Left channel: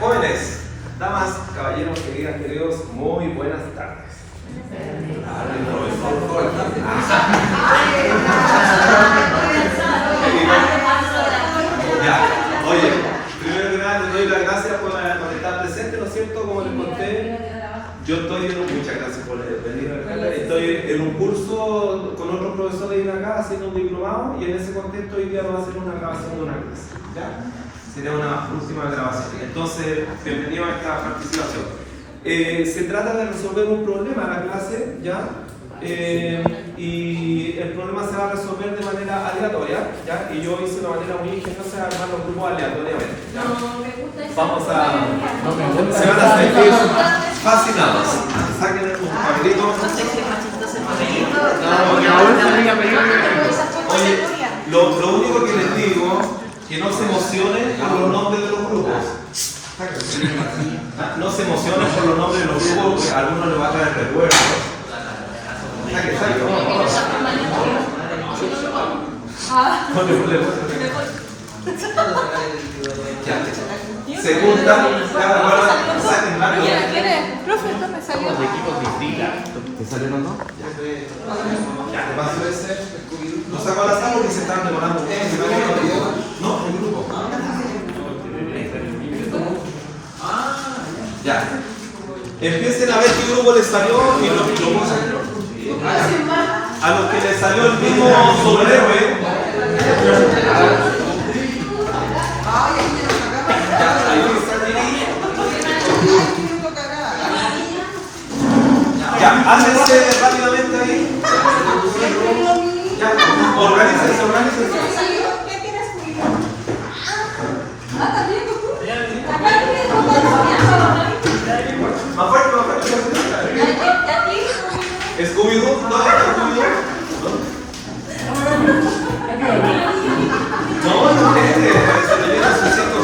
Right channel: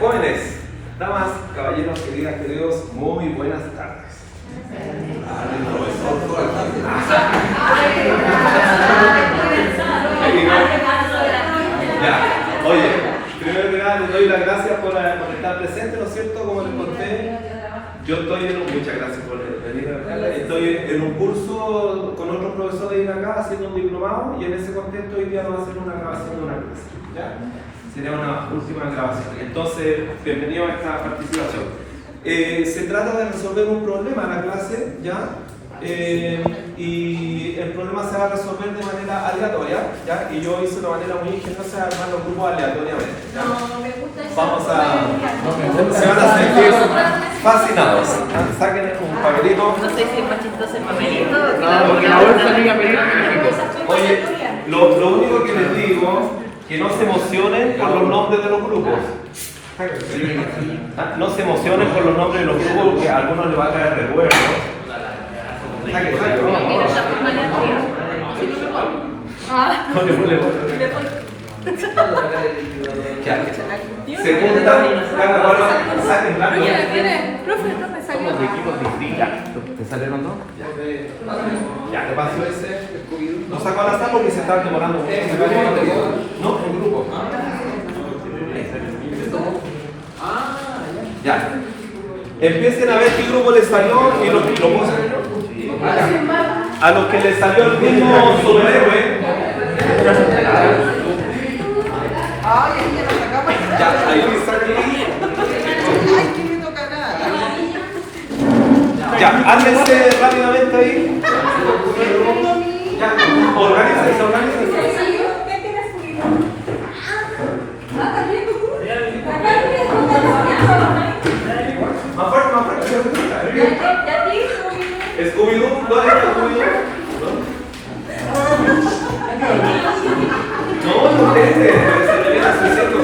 Jóvenes, damas, caballeros, queridas, queridos, muy buenas tardes. Ya, oye, primero que nada les doy las gracias por estar presentes, ¿no es cierto? Como les conté, yo estoy muchas gracias por venir acá. Estoy en un curso con otros profesores de acá haciendo un diplomado y en ese contexto hoy día vamos a hacer una grabación de una clase. ¿Ya? Sería una última grabación. Entonces, bienvenido a esta participación. Se trata de resolver un problema en la clase, ¿ya? Y el problema se va a resolver de manera aleatoria, ¿ya? Y yo hice una manera muy ingeniosa de armar los grupos aleatoriamente, ¿ya? Vamos a... se van a sentir fascinados. Saquen un papelito. No sé si es más chistoso el papelito. Porque la web tenía pedido. Oye, lo único que les digo, que no se emocionen por los nombres de los grupos. No se emocionen por los nombres de los grupos, que a algunos les va a traer recuerdos. Se juntan, cada cual saquen blanco. ¿Te sale los dos? Ya, te paso ese. No saco al azar porque se están demorando mucho. No, en grupo. Ya. Empiecen a ver qué grupo les salió y lo ponen. A los que les salió el mismo superhéroe. Ya, ahí está. Ya, háblense rápidamente ahí. Ya, organícense. Más fuerte. Scooby-Doo, ¿dónde está Scooby-Doo? No, se le viene a su sitio.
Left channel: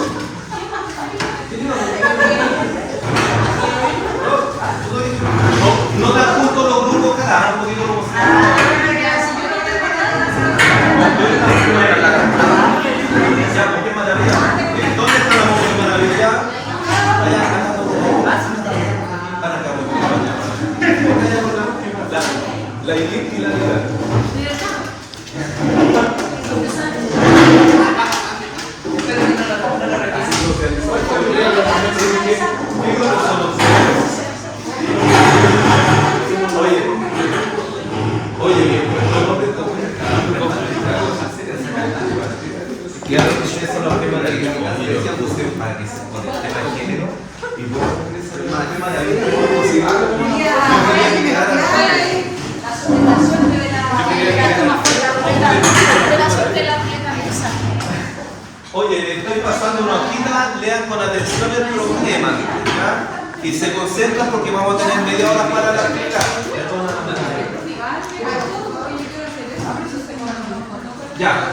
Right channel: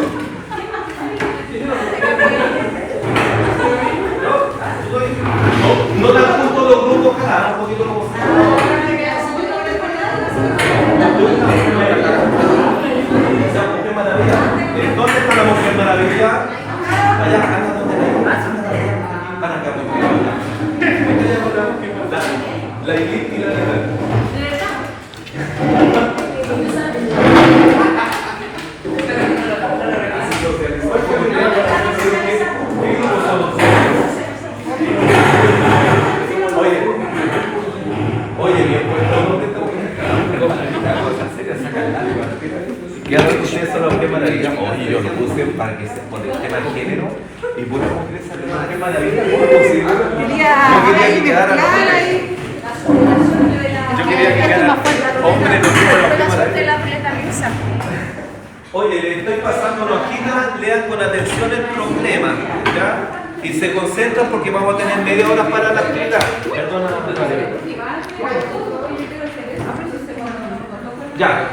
No dan juntos los grupos cada un poquito como entonces podemos hacer maravilla. La elite y la legal. Y ahora que ustedes son los que maravilla, oye, yo lo puse para que se pone el tema de género y por eso mujeres saben más que maravilla, ¿cómo es posible? Yo quería que quedaran hombres. Oye, le estoy pasando una hojita, lean con atención el problema, ¿ya? Y se concentran porque vamos a tener media hora para la actividad. Ya.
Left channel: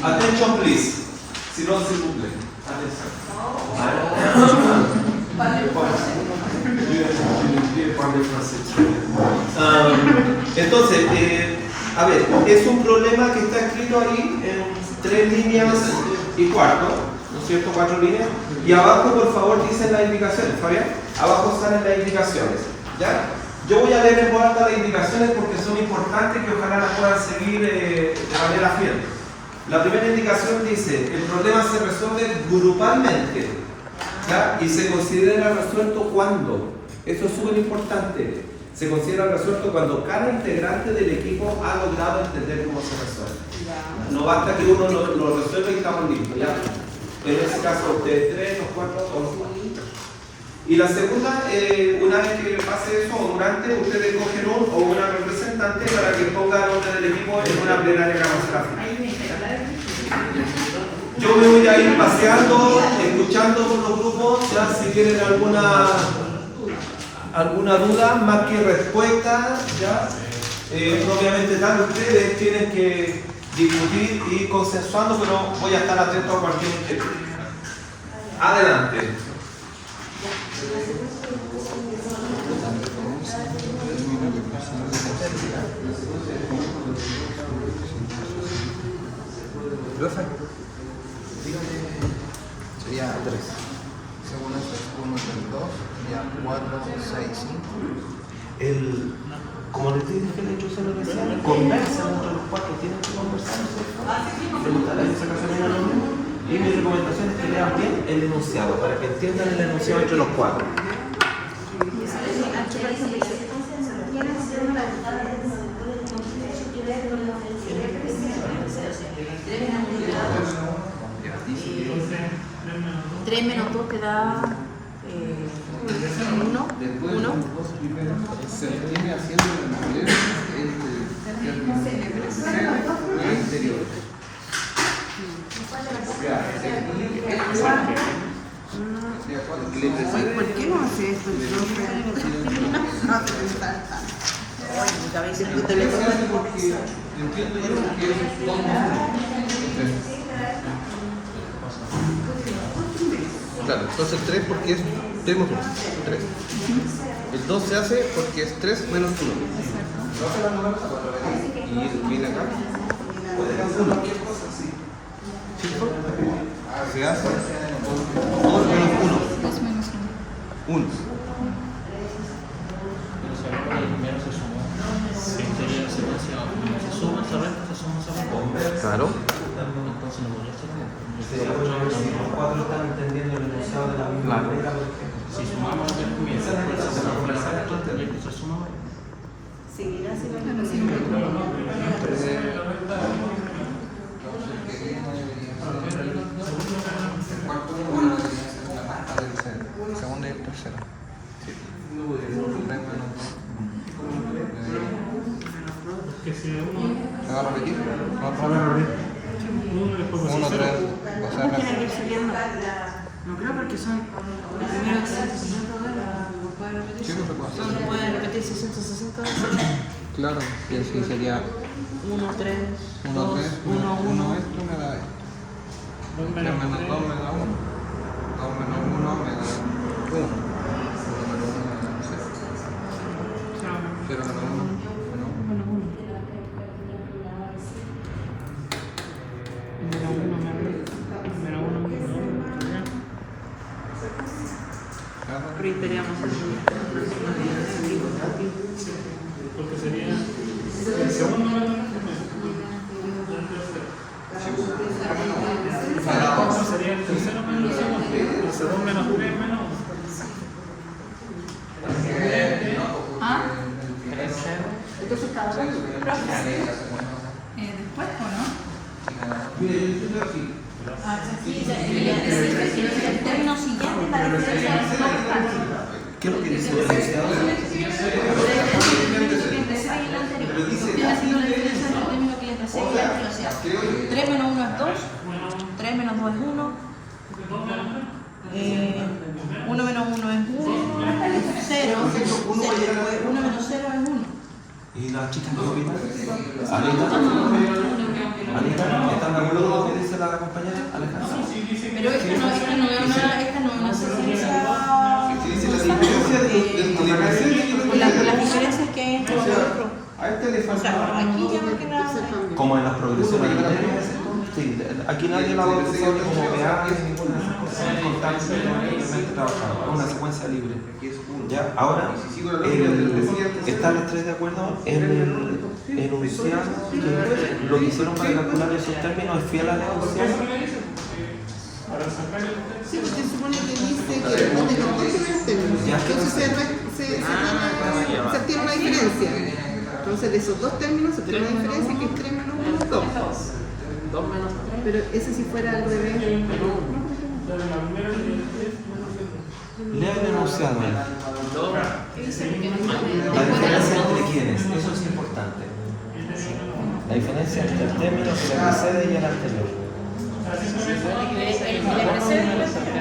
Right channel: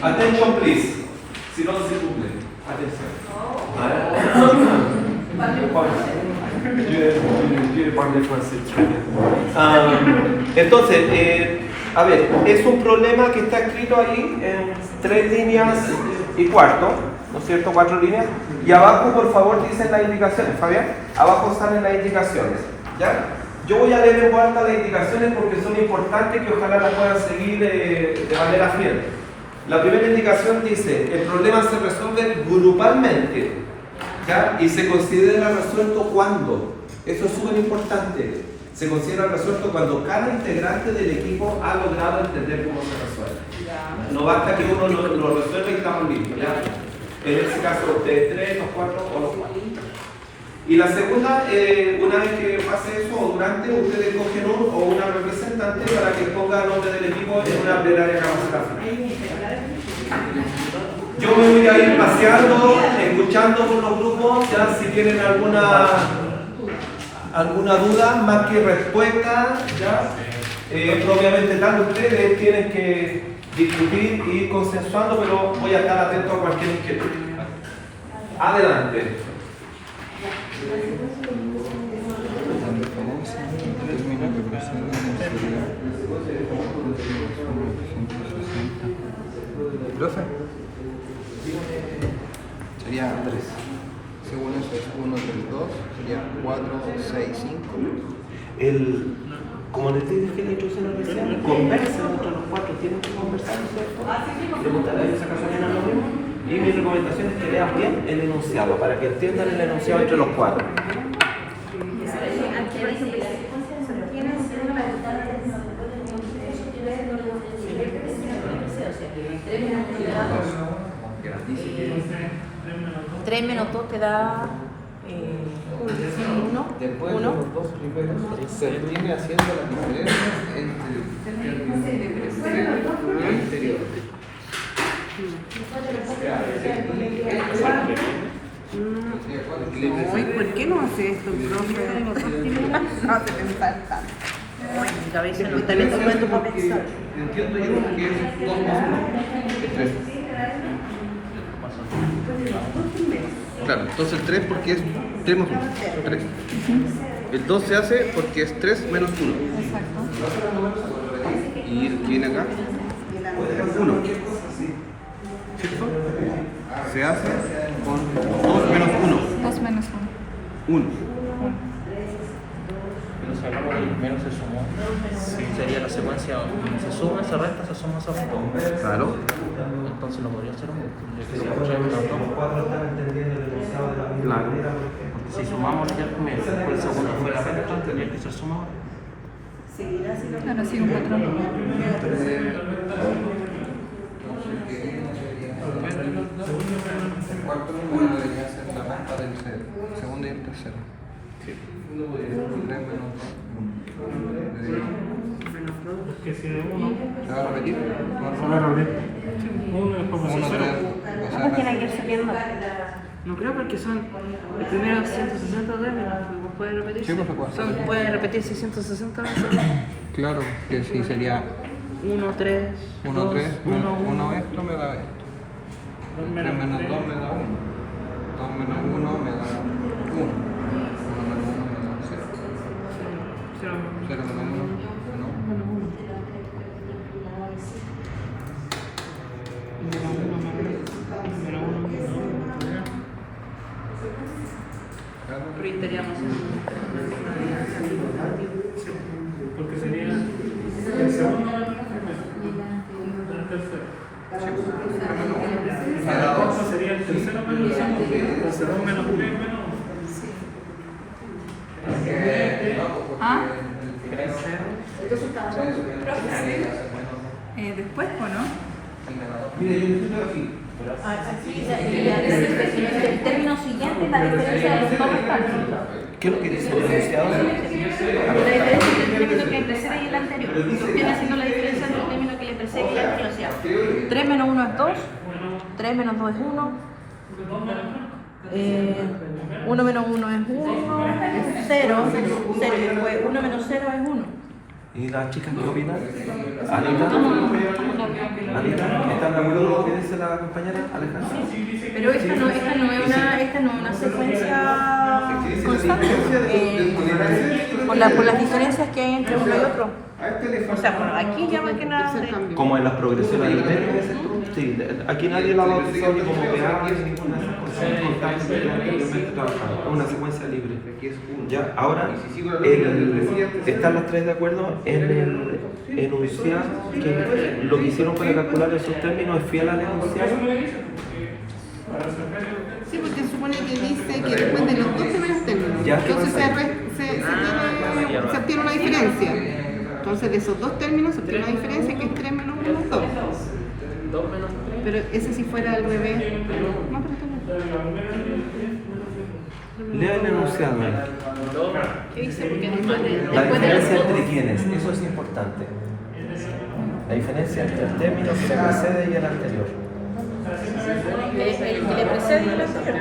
Attention, please. Si no se cumple. Entonces, a ver, es un problema que está escrito ahí en 3 líneas y cuarto, ¿no es cierto? 4 líneas. Y abajo, por favor, dicen las indicaciones, Fabián. Abajo salen las indicaciones, ¿ya? Yo voy a leer en voz alta las indicaciones porque son importantes que ojalá las puedan seguir de manera fiel. La primera indicación dice, el problema se resuelve grupalmente, ¿ya? Y se considera resuelto cuando, eso es súper importante, se considera resuelto cuando cada integrante del equipo ha logrado entender cómo se resuelve. No basta que uno lo resuelva y estamos listos, ¿ya? En este caso, ustedes 3, los 4 o los 4. Y la segunda, una vez que pase eso, o durante, ustedes cogen un o una representante para que ponga el nombre del equipo en una plenaria que vamos a hacer. Yo me voy a ir paseando, escuchando los grupos, ya si tienen alguna duda, más que respuesta, ya. Obviamente, tanto ustedes tienen que discutir y ir consensuando, pero voy a estar atento a cualquier inquietud. Adelante. sería 3. Según eso es 1, 3, 2, sería 4, 6, 5. Como les dije que la instrucción recién, conversan entre los cuatro, tienen que conversar, ¿cierto? Preguntarle esa casualidad lo mismo. Y mi recomendación es que lean bien el enunciado, para que entiendan el enunciado entre los cuatro. Tres menos dos queda 1. Se viene haciendo la diferencia entre el término y el interior. Ay, ¿por qué no hace esto el profe? No hace pensar tanto. Ay, mi cabeza no está bien tomando por pensar. Entiendo yo que es 2 más 1. Claro, entonces el 3 porque es 3 más 1. 3. El 2 se hace porque es 3 menos 1. Exacto. Y viene acá 1. ¿Cierto? Se hace con 2 menos 1. 2 menos 1. Primero se suma. Sí, sería la secuencia, se suma, se resta, se suma, se resta. Claro. Entonces no podría ser Los cuatro están entendiendo el enunciado de la misma manera, por ejemplo. si sumamos ya el primero, por el segundo fue la resta, tendría que ser sumado. Seguirá así lo Ahora sí un patrón. La resta del segundo y el tercero. ¿Se va a repetir? Uno, tres, ¿Cómo tiene que ir saliendo? No creo porque son el primero 160 veces, no puede repetirse. Sí, no se puede. Puede repetirse 160 veces. Claro, que sí sería 1, 3, 1, 2, 3, 1, 1 1. esto me da 3 menos 2 me da 1. 2 menos 1 me da 1. 1 menos 1 me da 0. 0 menos 1 menos 1. Porque sería el segundo menos el tercero. Sería el tercero menos el segundo. Entonces 2 menos 3 menos 11. ¿Ah? Entonces cada uno. Después, ¿o no? Mire, yo estoy aquí. El término siguiente es la diferencia de los nombres falsos. ¿Qué es lo que dice el enunciado? La diferencia entre el término que le precede y el anterior. Viene siendo la diferencia entre el término que le precede y el anterior. O sea, 3 menos 1 es 2, 3 menos 2 es 1, 1 menos 1 es 1, 0, 1 menos 0 es 1. ¿Y las chicas qué opinan? ¿Anita? ¿Están de acuerdo con lo que dice la compañera Alejandra? Pero esta no es una secuencia constante. Por las diferencias que hay entre uno y otro. O sea, aquí ya más que nada. Como en las progresiones de términos. Sí, aquí nadie va a bautizar ni como PA ni ninguna de esas cosas. Es constante que anteriormente trabajado. Es una secuencia libre. Ya, ahora están las tres de acuerdo en el enunciado, que lo que hicieron para calcular esos términos es fiel al enunciado. Sí, porque supone que dice que después de los dos primeros términos. Ya, Entonces se obtiene una diferencia. Entonces de esos dos términos se obtiene una diferencia que es 3 menos 1 es 2. Pero ese si fuera al revés. No, Lea el enunciado. ¿Qué dice? Porque La diferencia entre quiénes, eso es importante. La diferencia entre el término que le precede y el anterior. el que le precede y el anterior.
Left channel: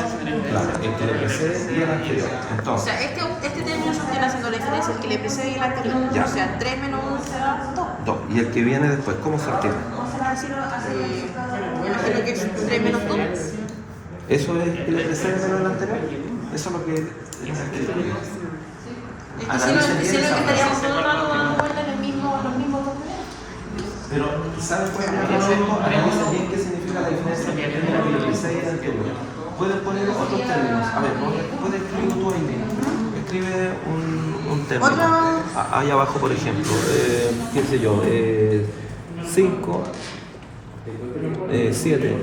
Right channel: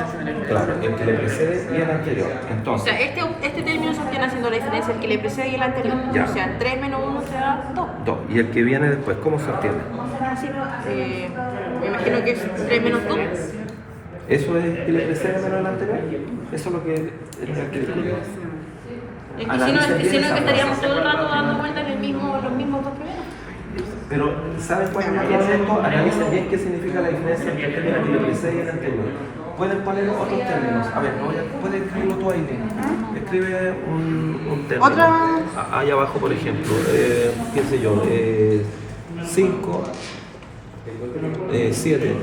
Claro, el que le precede y el anterior. O Entonces, sea, este término se obtiene haciendo la diferencia el que le precede y el anterior. Ya. O sea, 3 menos 1 será 2. 2. Y el que viene después, ¿cómo se obtiene? Será decir, me imagino que es 3 menos 2. ¿Eso es el que le precede menos el anterior? Eso es lo que es el que discute. Es que si no, estaríamos todo el rato dando vueltas en los mismos dos primeros. Pero, ¿saben cuál es el esto? Analicen bien qué significa la diferencia entre el término que le precede y el anterior. pueden poner otros términos. A ver, no, puedes escribir tú ahí. Escribe un término. Otra. Ahí abajo, por ejemplo, qué sé yo, 5, 7,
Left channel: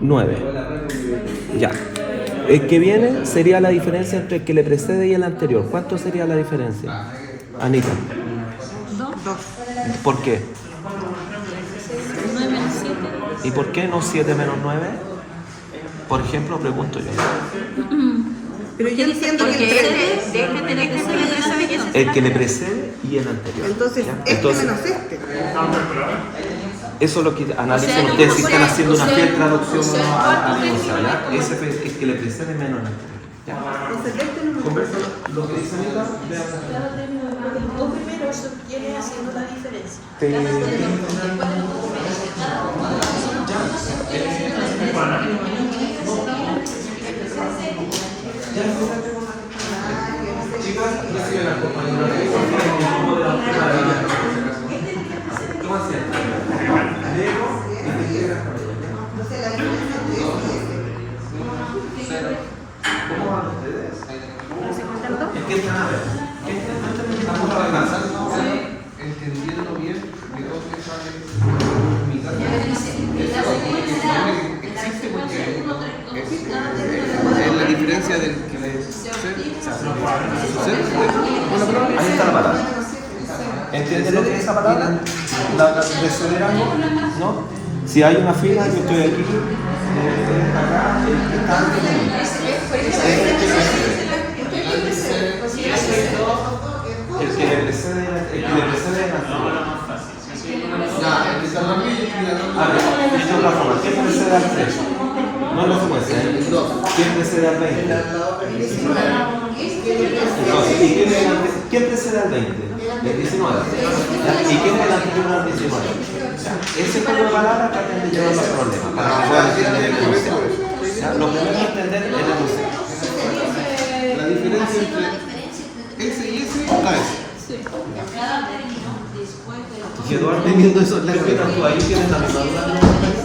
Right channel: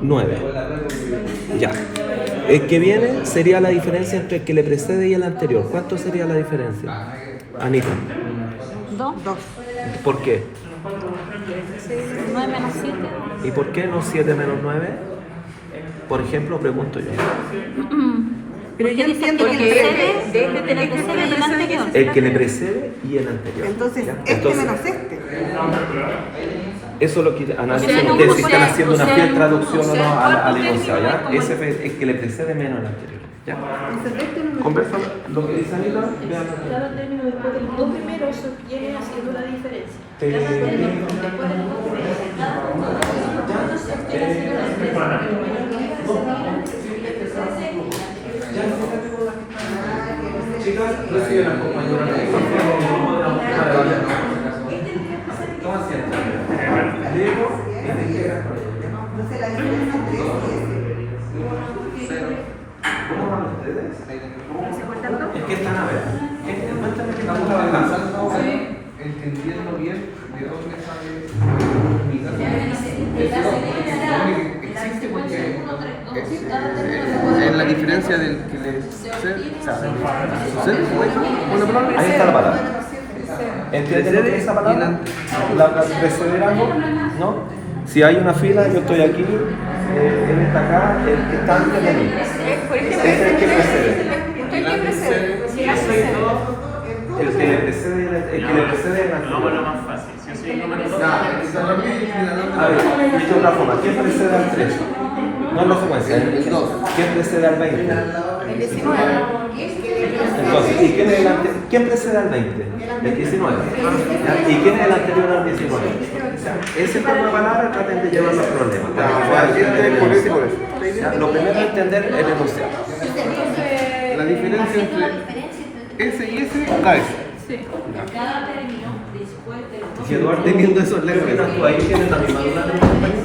9. Ya. El que viene sería la diferencia entre el que le precede y el anterior. ¿Cuánto sería la diferencia? Anita. 2. ¿Por qué? 9 menos 7. ¿Y por qué no 7 menos 9? Por ejemplo, pregunto yo. Pero yo entiendo que el 3. Este tiene que ser el anterior. El que le precede y el anterior. Entonces, este Entonces, menos este. eso es lo que analicen O sea, ustedes, no, si o están sea, haciendo una o sea, fiel traducción o no al o sea, enunciado, ¿ya? Ese es el que le precede menos el anterior, ¿ya? Conversa lo que dice Anita, vean. Los primeros vienen haciendo la diferencia. Chicas, reciben al compañero. Toma asiento. Diego y te llega. ¿Cómo van ustedes? Es que están a ver. Cuéntame qué estamos trabajando. Entendiendo bien de dónde sale mi existe porque es la diferencia del que le sucede. Ahí está la palabra. ¿Entiendes lo que es esa palabra? La preceder algo, ¿no? Si hay una fila, yo estoy aquí, él está acá, él está antes de mí. Ese es el que precede. El que le precede es la fila. A ver, dicho de otra forma, ¿quién precede al 3? No es la secuencia, ¿eh? ¿Quién precede al 20? Entonces, ¿y quién precede al 20? Del 19. ¿Y quién es el anterior al 19? Ese por una palabra traten de llevar los problemas. Lo primero es entender el enunciado. La diferencia entre ese y ese, la S. Si Eduardo teniendo eso, ¿qué opinas tú ahí? ¿Tienes la misma duda de los compañeros?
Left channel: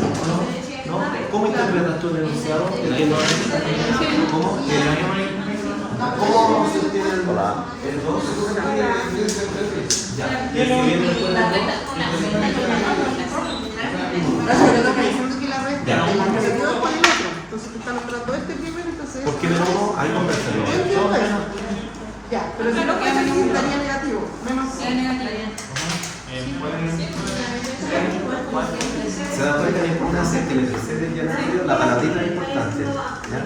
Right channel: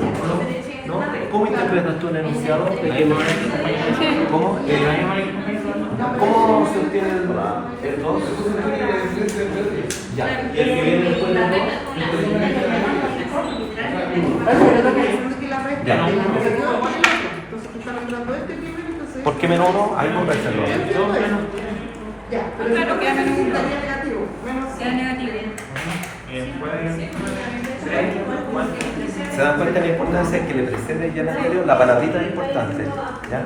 ¿No? ¿Cómo interpretas tú el enunciado? ¿De qué no es? ¿Cómo? ¿Cómo se obtiene el 2? Ya. ¿Y el que viene después del 2? Ya. ¿Por qué menos 1? Ahí conversación. Ya, pero claro que menos un daría negativo. ¿Se dan cuenta de la importancia que le precede ya el anterior? La palabrita es importante. ¿Ya?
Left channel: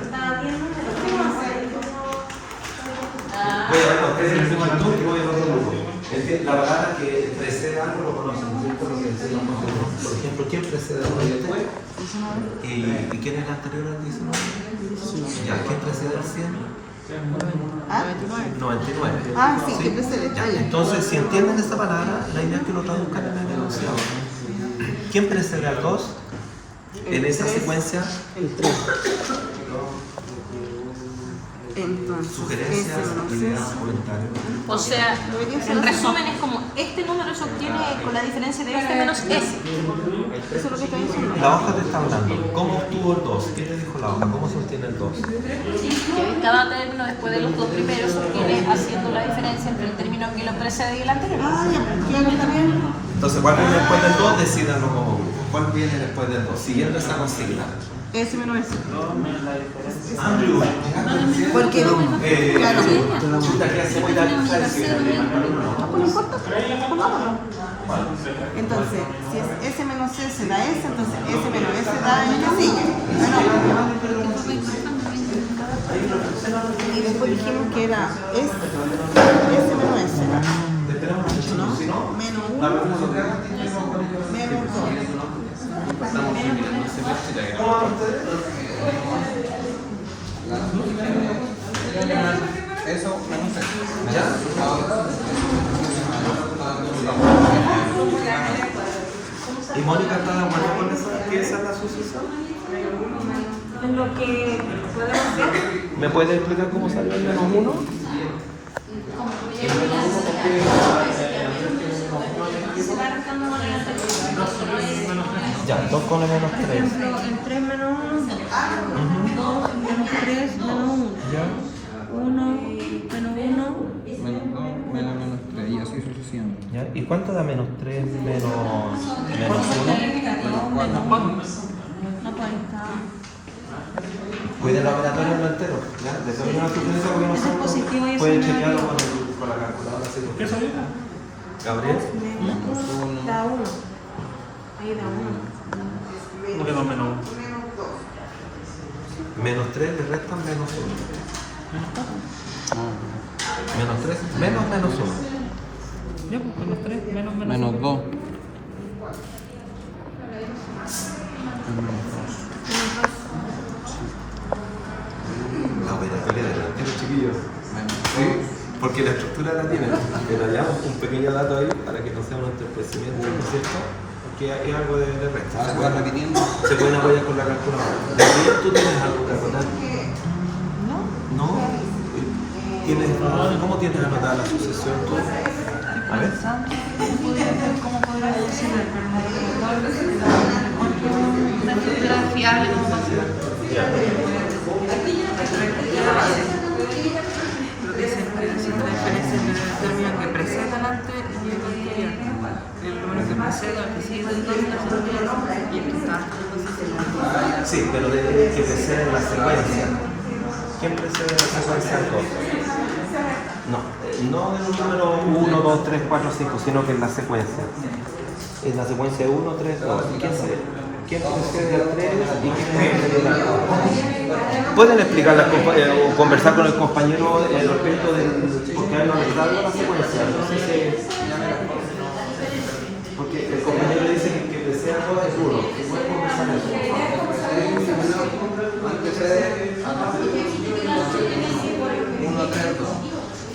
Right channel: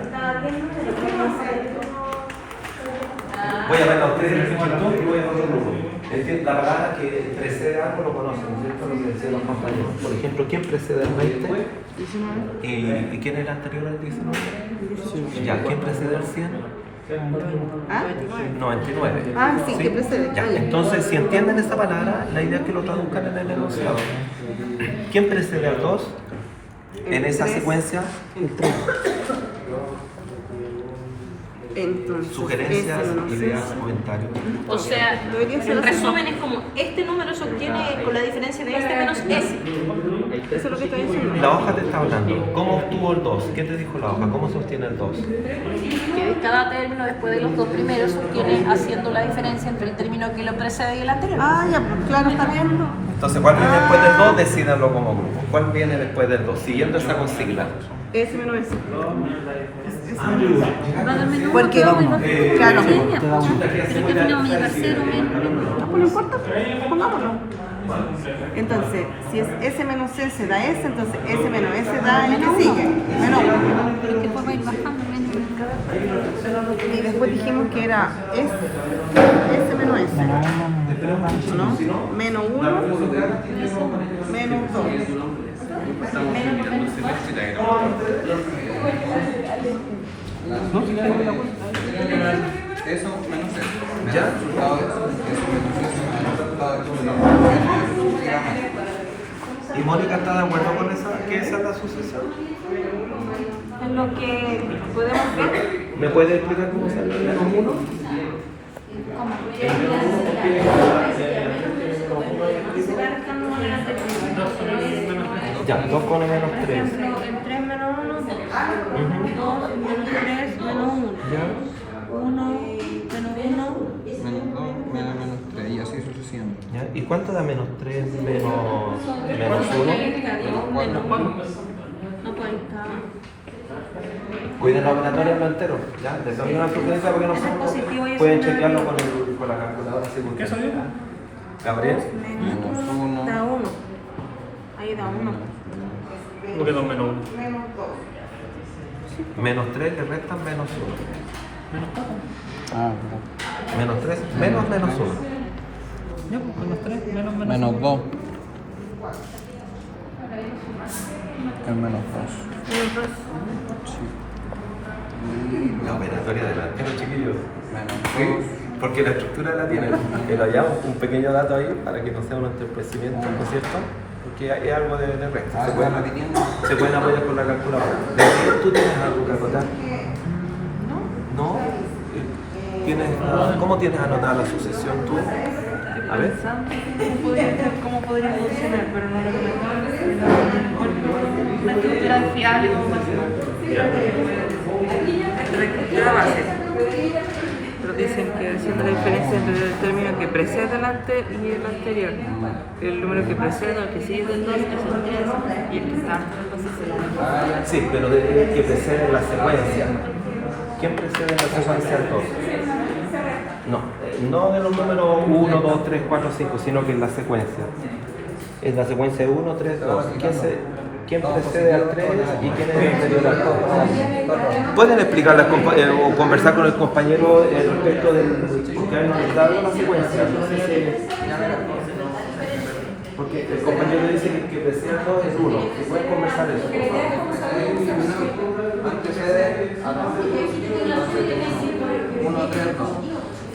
Voy a ver a ustedes en el YouTube y voy a otro grupo. La palabra que precede algo lo conocen, ¿no es cierto? Lo que decían los compañeros. Por ejemplo, ¿quién precede al 20? ¿Y quién es el anterior al 19? Ya, ¿quién precede al 100? ¿Ah? 99. Ah, sí, que precede. Ya, entonces, si entienden esa palabra, la idea es que lo traduzcan en el enunciado. ¿Quién precede al 2 en esa secuencia? El 3. Entonces, Sugerencias, ideas, comentarios. O sea, en resumen es como este número se obtiene con la diferencia de este menos ese. Eso es lo que estoy diciendo. La hoja te está hablando. ¿Cómo obtuvo el 2? ¿Qué te dijo la hoja? ¿Cómo se obtiene el 2? Que cada término después de los dos primeros se obtiene haciendo la diferencia entre el término que lo precede y el anterior. Ah, ya, pues claro, está bien. Entonces, ¿cuál viene después del 2? Decídanlo como grupo. ¿Cuál viene después del 2? Siguiendo esa consigna. Ese menos ese. Porque, claro. No importa, pongámoslo. Entonces, si es S menos S da S, entonces S menos S da en que sigue. Menos 1. Y después dijimos que era S menos S. ¿No? Menos 1, menos 2. ¿Ya? ¿Y Mónica está de acuerdo con esa, que esa es la sucesión? En lo que podemos ver. ¿Me puede explicar cómo salió el menos 1? Ya, 2 con el menos Por 3. ejemplo, el 3 menos 1, 2, menos 3 menos 1, Ya. 1 menos 1, Menos 2, menos 3, y así sucesivamente. ¿Ya? ¿Y cuánto da menos 3 menos 1? no puede estar. Cuiden la operatoria en lo entero, ¿ya? Determina la frecuencia porque no Eso es positivo y eso pueden es chequearlo negativo. con la calculadora seguro. ¿Qué soy yo? Gabriel. Menos, da 1. Ahí da 1. ¿Cómo que 2 menos 1? Menos 3 le restan menos 1. Menos 4. Menos 3 menos 1. Ya, pues menos 3, menos Menos 2. El menos 2. Menos 2. La operatoria de la chiquillos. Menos Sí, porque la estructura la tienen. Que le hallamos un pequeño dato ahí para que no sea un entorpecimiento, ¿no es cierto? Porque es algo de resto. Ahora se va repitiendo. Se pueden apoyar con la calculadora. ¿De ahí tú tienes algo que acotar? No. ¿Cómo tienes anotada la sucesión tú? A ver. ¿Cómo podríamos funcionar? Pero no lo que me acuerdo. La estructura fiable, ¿cómo funciona? La base. Pero dicen que haciendo la diferencia entre el término que precede delante y el anterior. El número que precede, el que sigue del 2 es el 3 y el que está antes entonces es el 1. Sí, pero de que precede en la secuencia. ¿Quién precede en la secuencia al 2? No de los números 1, 2, 3, 4, 5, sino que en la secuencia. Es la secuencia 1, 3, 2. ¿Quién precede al 3 y quién es el anterior al 2? ¿Pueden explicarle o conversar con el compañero respecto del porque hay donde está la secuencia? No sé si... Porque el compañero dice que el que precede al 2 es 1. ¿Se puede conversar eso, por favor? Antecede a 2. 1, 3, 2.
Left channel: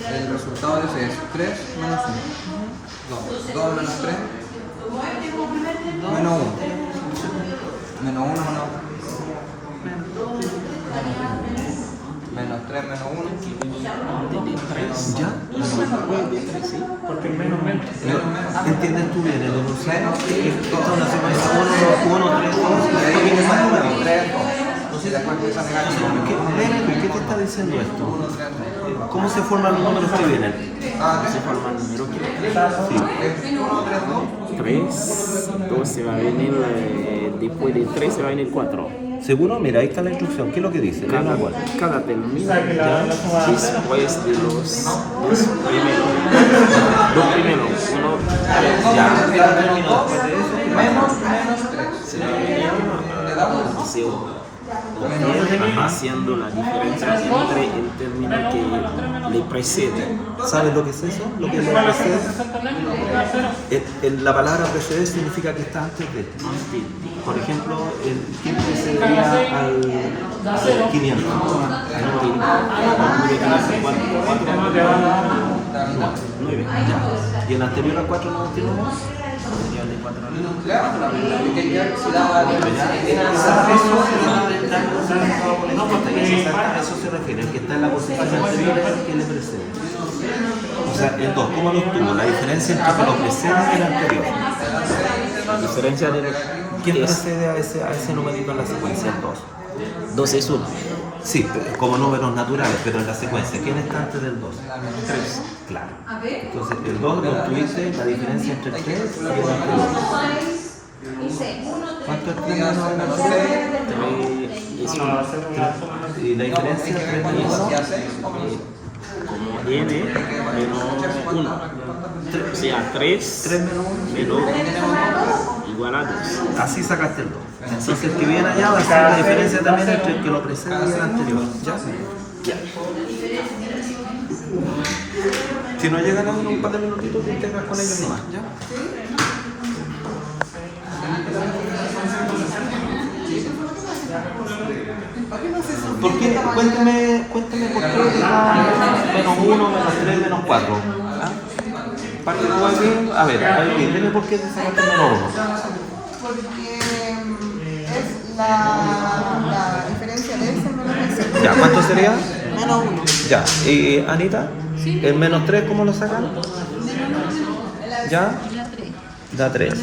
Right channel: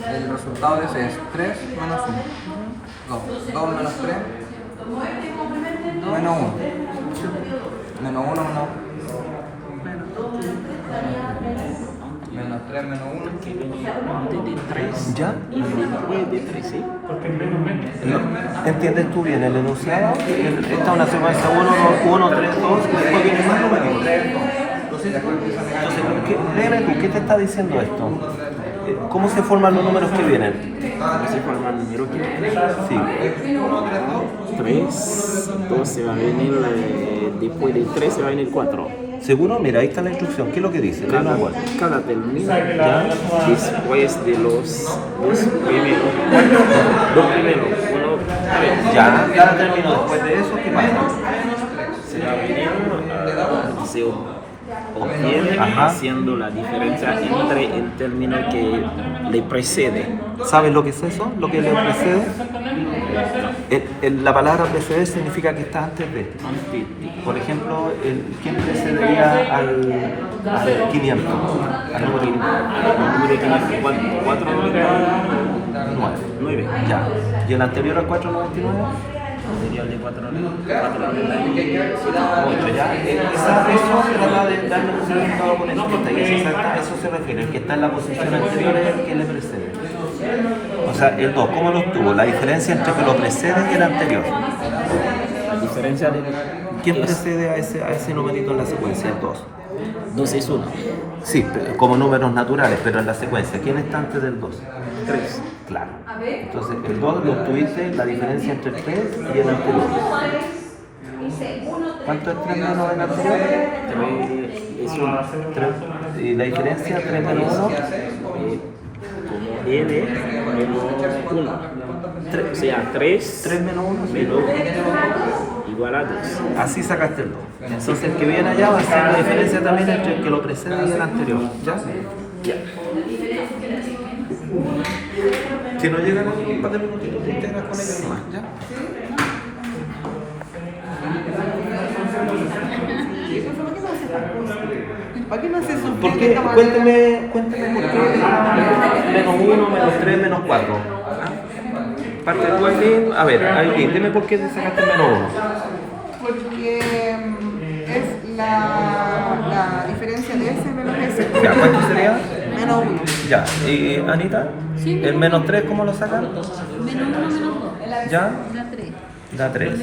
El resultado de ese es 3 menos 1. 2 menos 3 menos 1. Menos 1 menos 3 menos 1. De 3. ¿Ya? Después de 3, ¿sí? Porque el menos bien. ¿Entiendes tú bien el enunciado? Esta es una secuencia 1, 3, 2 y después viene más número. Entonces, ¿qué te está diciendo esto? ¿Cómo se forman los números que vienen? Se forma el número que Sí. 3, 2 se va a venir, después de 3 se va a venir 4. ¿Seguro? Mira, ahí está la instrucción. ¿Qué es lo que dice? Cada Igual. término, ya, después de los dos primeros, uno, Ya, cada término después de eso, ¿qué pasa? se va a venir, se obtiene haciendo la diferencia entre el término que le precede. ¿Sabes lo que es eso? ¿Lo que le precede? La palabra preceder significa que está antes de. Por ejemplo, ¿quién precedería al 500? Al número 9. Ya. ¿Y el anterior al 499? El de 4 Ya. Eso se trata de darle un significado con etiqueta y eso se refiere. El que está en la posición anterior es el que le precede. O sea, el 2, ¿cómo lo obtuvo? La diferencia entre que lo precede y el anterior. La diferencia de ¿Quién precede a ese numerito en la secuencia? El 2. 2 es 1. Sí, como números naturales, pero en la secuencia. ¿Quién está antes del 2? 3. Claro. Entonces, el 2 lo obtuviste, la diferencia entre el 3 y el anterior. ¿Cuánto es 3 menos el anterior? 3 es 1. 3. ¿Y la diferencia? 3 menos 1. Como n menos 1. O sea, 3 menos 1. menos igual a 2. Así sacaste el 2. Entonces, el que viene allá va a ser la diferencia también entre el que lo precede y el anterior. ¿Ya? Si no llegan a un par de minutitos, te integras con ellos nomás. ¿Ya? ¿Para qué no haces eso? ¿Por qué? Cuénteme por qué menos 1, menos 3, menos 4. Parte tú aquí, a ver, dime por qué te sacaste menos 1. Porque es la diferencia de ese menos ese. Ya, ¿cuánto sería? Menos 1. Ya, ¿y Anita? Sí. ¿El menos 3 cómo lo sacan? Menos 1 menos 2. ¿Ya? Da 3. Da 3.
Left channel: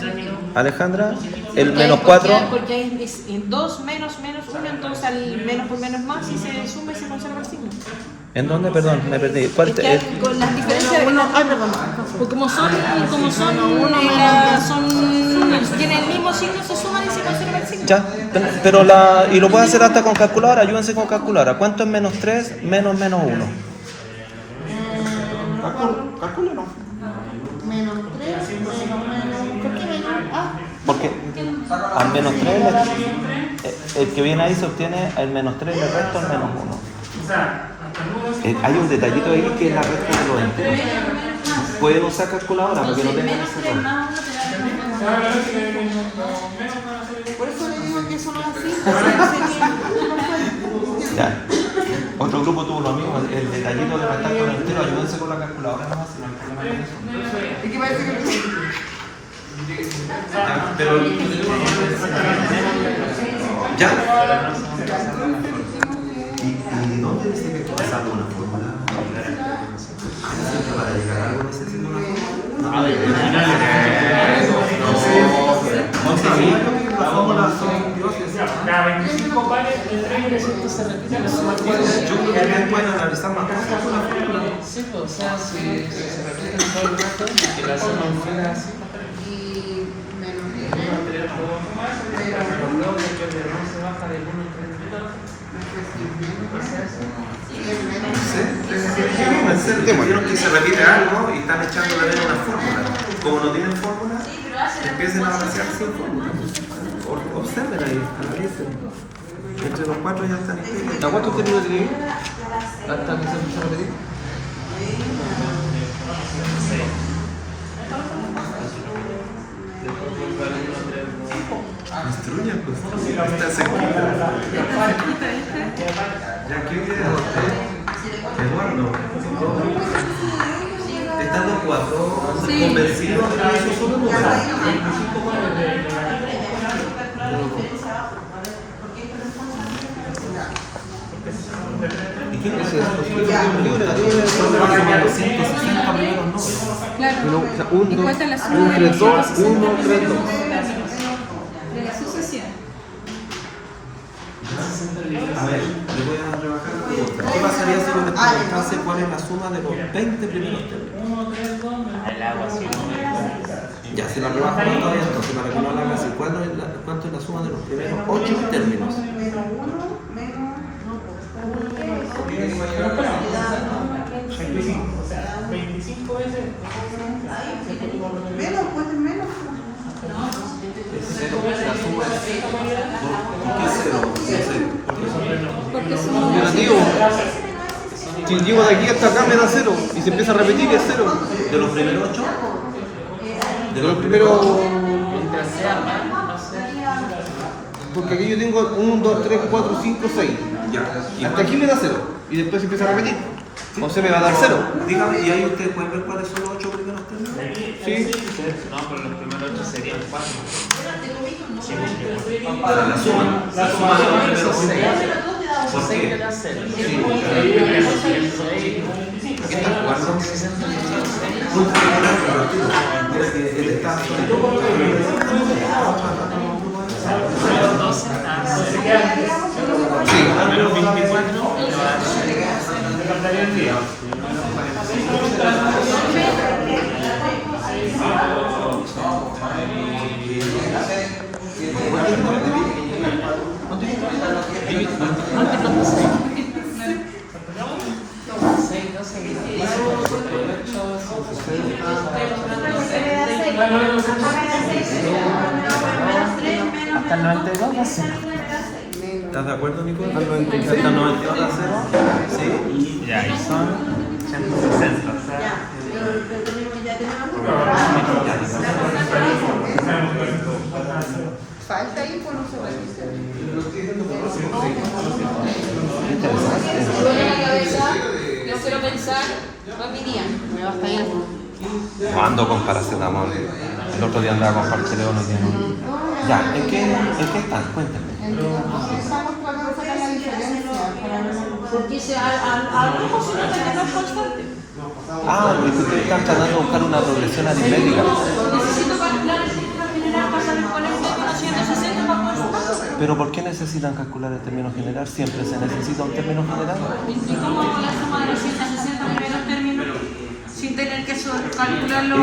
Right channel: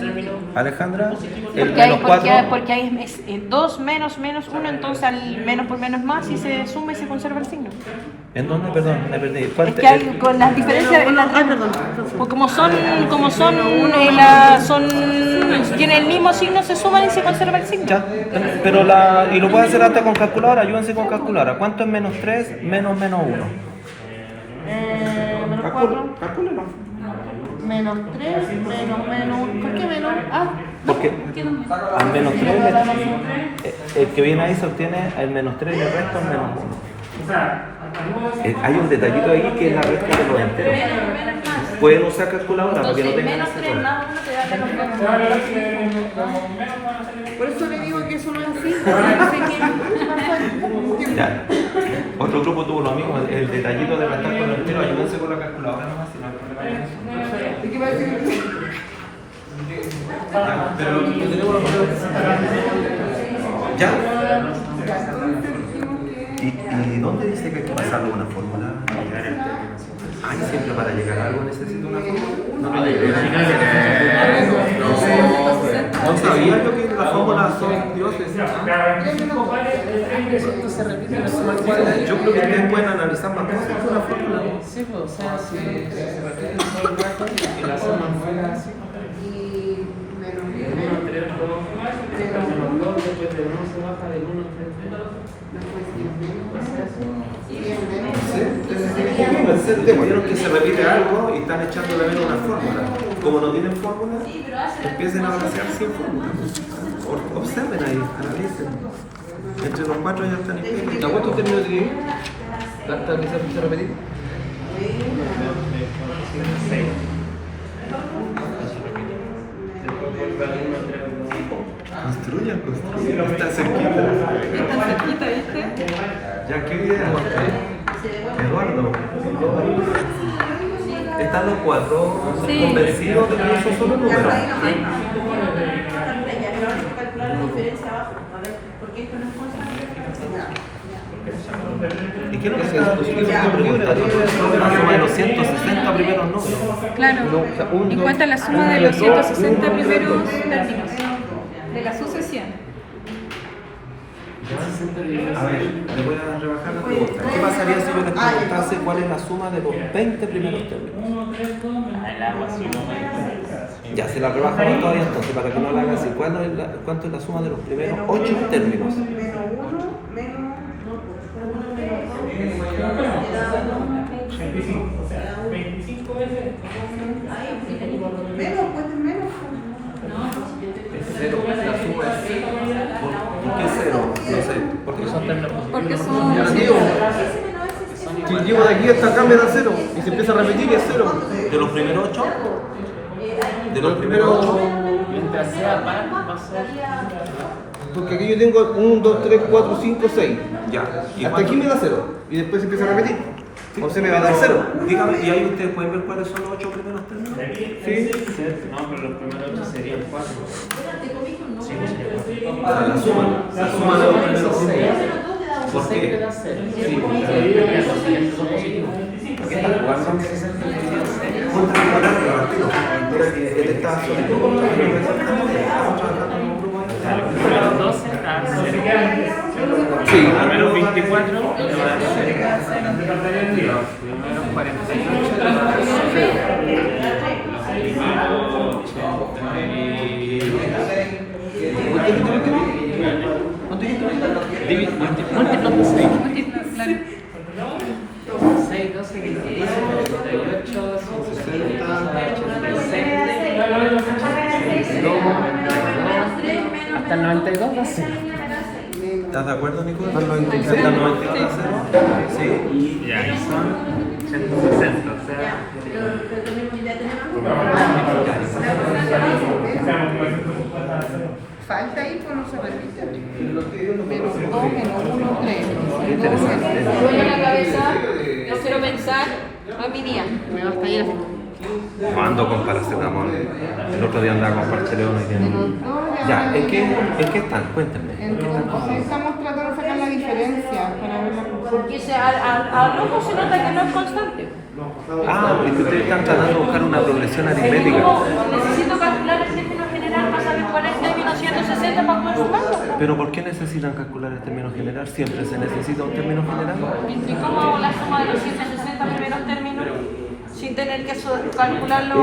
Alejandra, el Porque hay- menos 4. Porque hay 2 menos 1, entonces al menos por menos más y se suma y se conserva el signo. ¿En dónde? Perdón, me perdí. ¿Cuál Es te- que hay, con las diferencias en la porque tienen el mismo signo, se suman y se conserva el signo. Ya, pero y lo puedes hacer hasta con calculadora, ayúdense con calculadora. ¿Cuánto es menos 3 menos 1? Menos 4, Calcúlelo. menos 3, menos. ¿Por qué menos? Porque al menos 3, el que viene ahí se obtiene el menos 3 y el resto el menos 1. Hay un detallito ahí que es la resta de los enteros. Pueden usar calculadora para que no tengan ese error. Por eso le digo que eso no es así. Ya. Otro grupo tuvo lo mismo, el detallito de restar con el entero, ayúdense con la calculadora nomás. Si no hay problema. ¿Y qué parece que Ya, pero... ¿Ya? ¿Y dónde dice que hay que pasarlo una fórmula? Ay, siempre para llegar a algo necesito una fórmula. No sabía yo que las fórmulas son dioses. Yo creo que ustedes pueden analizar más cosas con la fórmula. Sí, pues, o sea, si se repiten todo el rato y la suma fuera así. y menos 10, Vieron que se repite algo y están echando la vena una fórmula. Como no tienen fórmula, empiecen a balancear sin fórmula. Observen ahí, analicen. Entre los 4 ya están implicados. ¿A cuántos términos tiene? ¿Hasta que se empieza a repetir? Construyan, está cerquita. Ya, ¿qué idea? Eduardo. Están los 4 convencidos de que eso es solo número. ¿Y qué es lo que se hace? Los 160 primeros números. Claro. ¿Y cuánta es la suma de los 160 primeros de la sucesión? A ver, le voy a rebajar la pregunta. ¿Qué pasaría si yo les preguntase cuál es la suma de los 20 primeros términos? Ya, se la rebajo más todavía entonces, para que no la hagan así. ¿Cuánto es la suma de los primeros 8 términos? menos, pues menos. Es 0, la suma es... ¿Por qué 0? Porque son Si llego de aquí hasta acá me da 0 y se empieza a repetir es 0. ¿De los primeros 8? De los primeros. Mientras sea par, va a ser. Porque aquí yo tengo 1, 2, 3, 4, 5, 6. Ya. Hasta aquí me da 0 y después se empieza a repetir. O se me va a dar 0. Dígame, ¿y ahí ustedes pueden ver cuáles son los 8 primeros términos? Sí. No, pero los primeros 8 serían 4. La suma de los primeros 5. ¿Por qué? ¿Qué están jugando? Mira que él está solito. Los 12 a 0. Sí. Primero 24 le va a dar 0. Primero 48 le va a dar 6, 12, 24, 48, hasta el 92 va a ser. ¿Estás de acuerdo, Nico? ¿Hasta el 92 a 0? Sí. Ya, ahí son 160. O sea, Falta ahí, pues no se repite. Menos 2, menos 1, pleno. Yo quiero pensar, hoy día. Hasta ahí. Ando con paracetamol. El otro día andaba con parceleón. Ya, ¿en qué están? Cuéntame. Estamos tratando de sacar la diferencia para ver una Porque algo se nota que no es constante. Ah, es que ustedes están tratando de buscar una progresión aritmética. Necesito calcular el término general para Pero ¿por qué necesitan calcular el término general? Siempre se necesita un término general. ¿Y cómo hago la suma de los 160 primeros términos sin tener que calcularlo?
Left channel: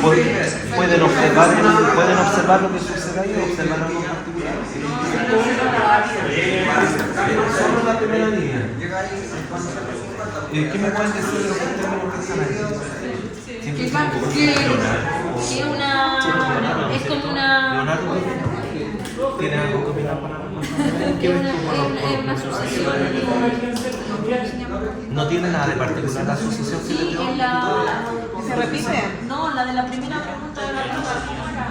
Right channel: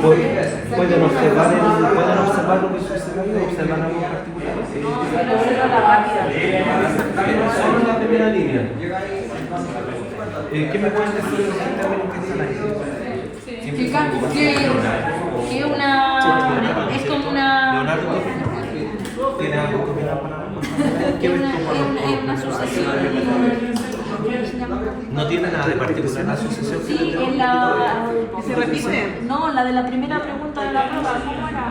Pueden observar lo que sucede ahí, observar algo en particular. Solo en la primera línea. ¿Qué me pueden decir de los términos que están ahí? Es como una... Leonardo, ¿tiene algo que opinar para ¿qué ves tú con los sucesión. ¿No tiene nada de particular la sucesión? Sí, en la... ¿Se repite? No, la de la primera pregunta de la prueba,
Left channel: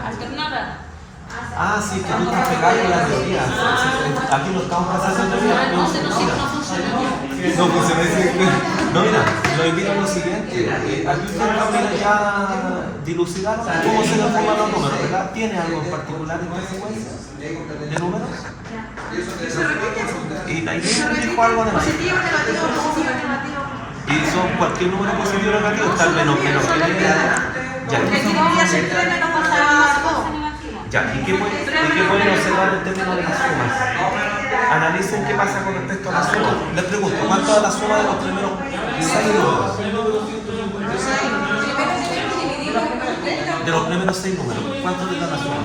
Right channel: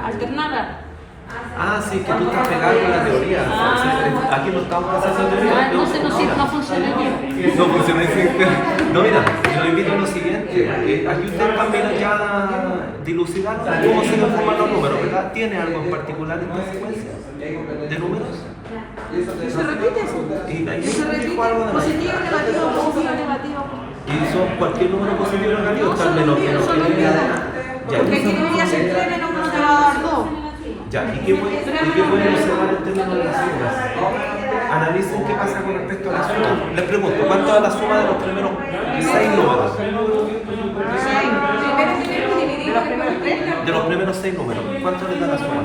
alternada. Ah, sí, que tú estás pegado en la teoría. Aquí no estamos pasando en teoría. Entonces no funciona. No funciona así. No, mira, lo invito a lo siguiente. Aquí ustedes también ya dilucidaron cómo se nos forman los números, ¿verdad? ¿Tiene algo en particular esta secuencia de números? ¿Se repite? Y ahí dijo algo de Positivo, negativo, positivo, negativo. y son cualquier número positivo o negativo, está el menos. Ya, Porque aquí no voy a hacer 3 menos pasar 2. ya, ¿y qué pueden observar en términos de las sumas? Analicen qué pasa con respecto a la suma. Les pregunto, ¿cuánto da la suma de los primeros 6 números? De los primeros 6 números, ¿cuánto les da la suma?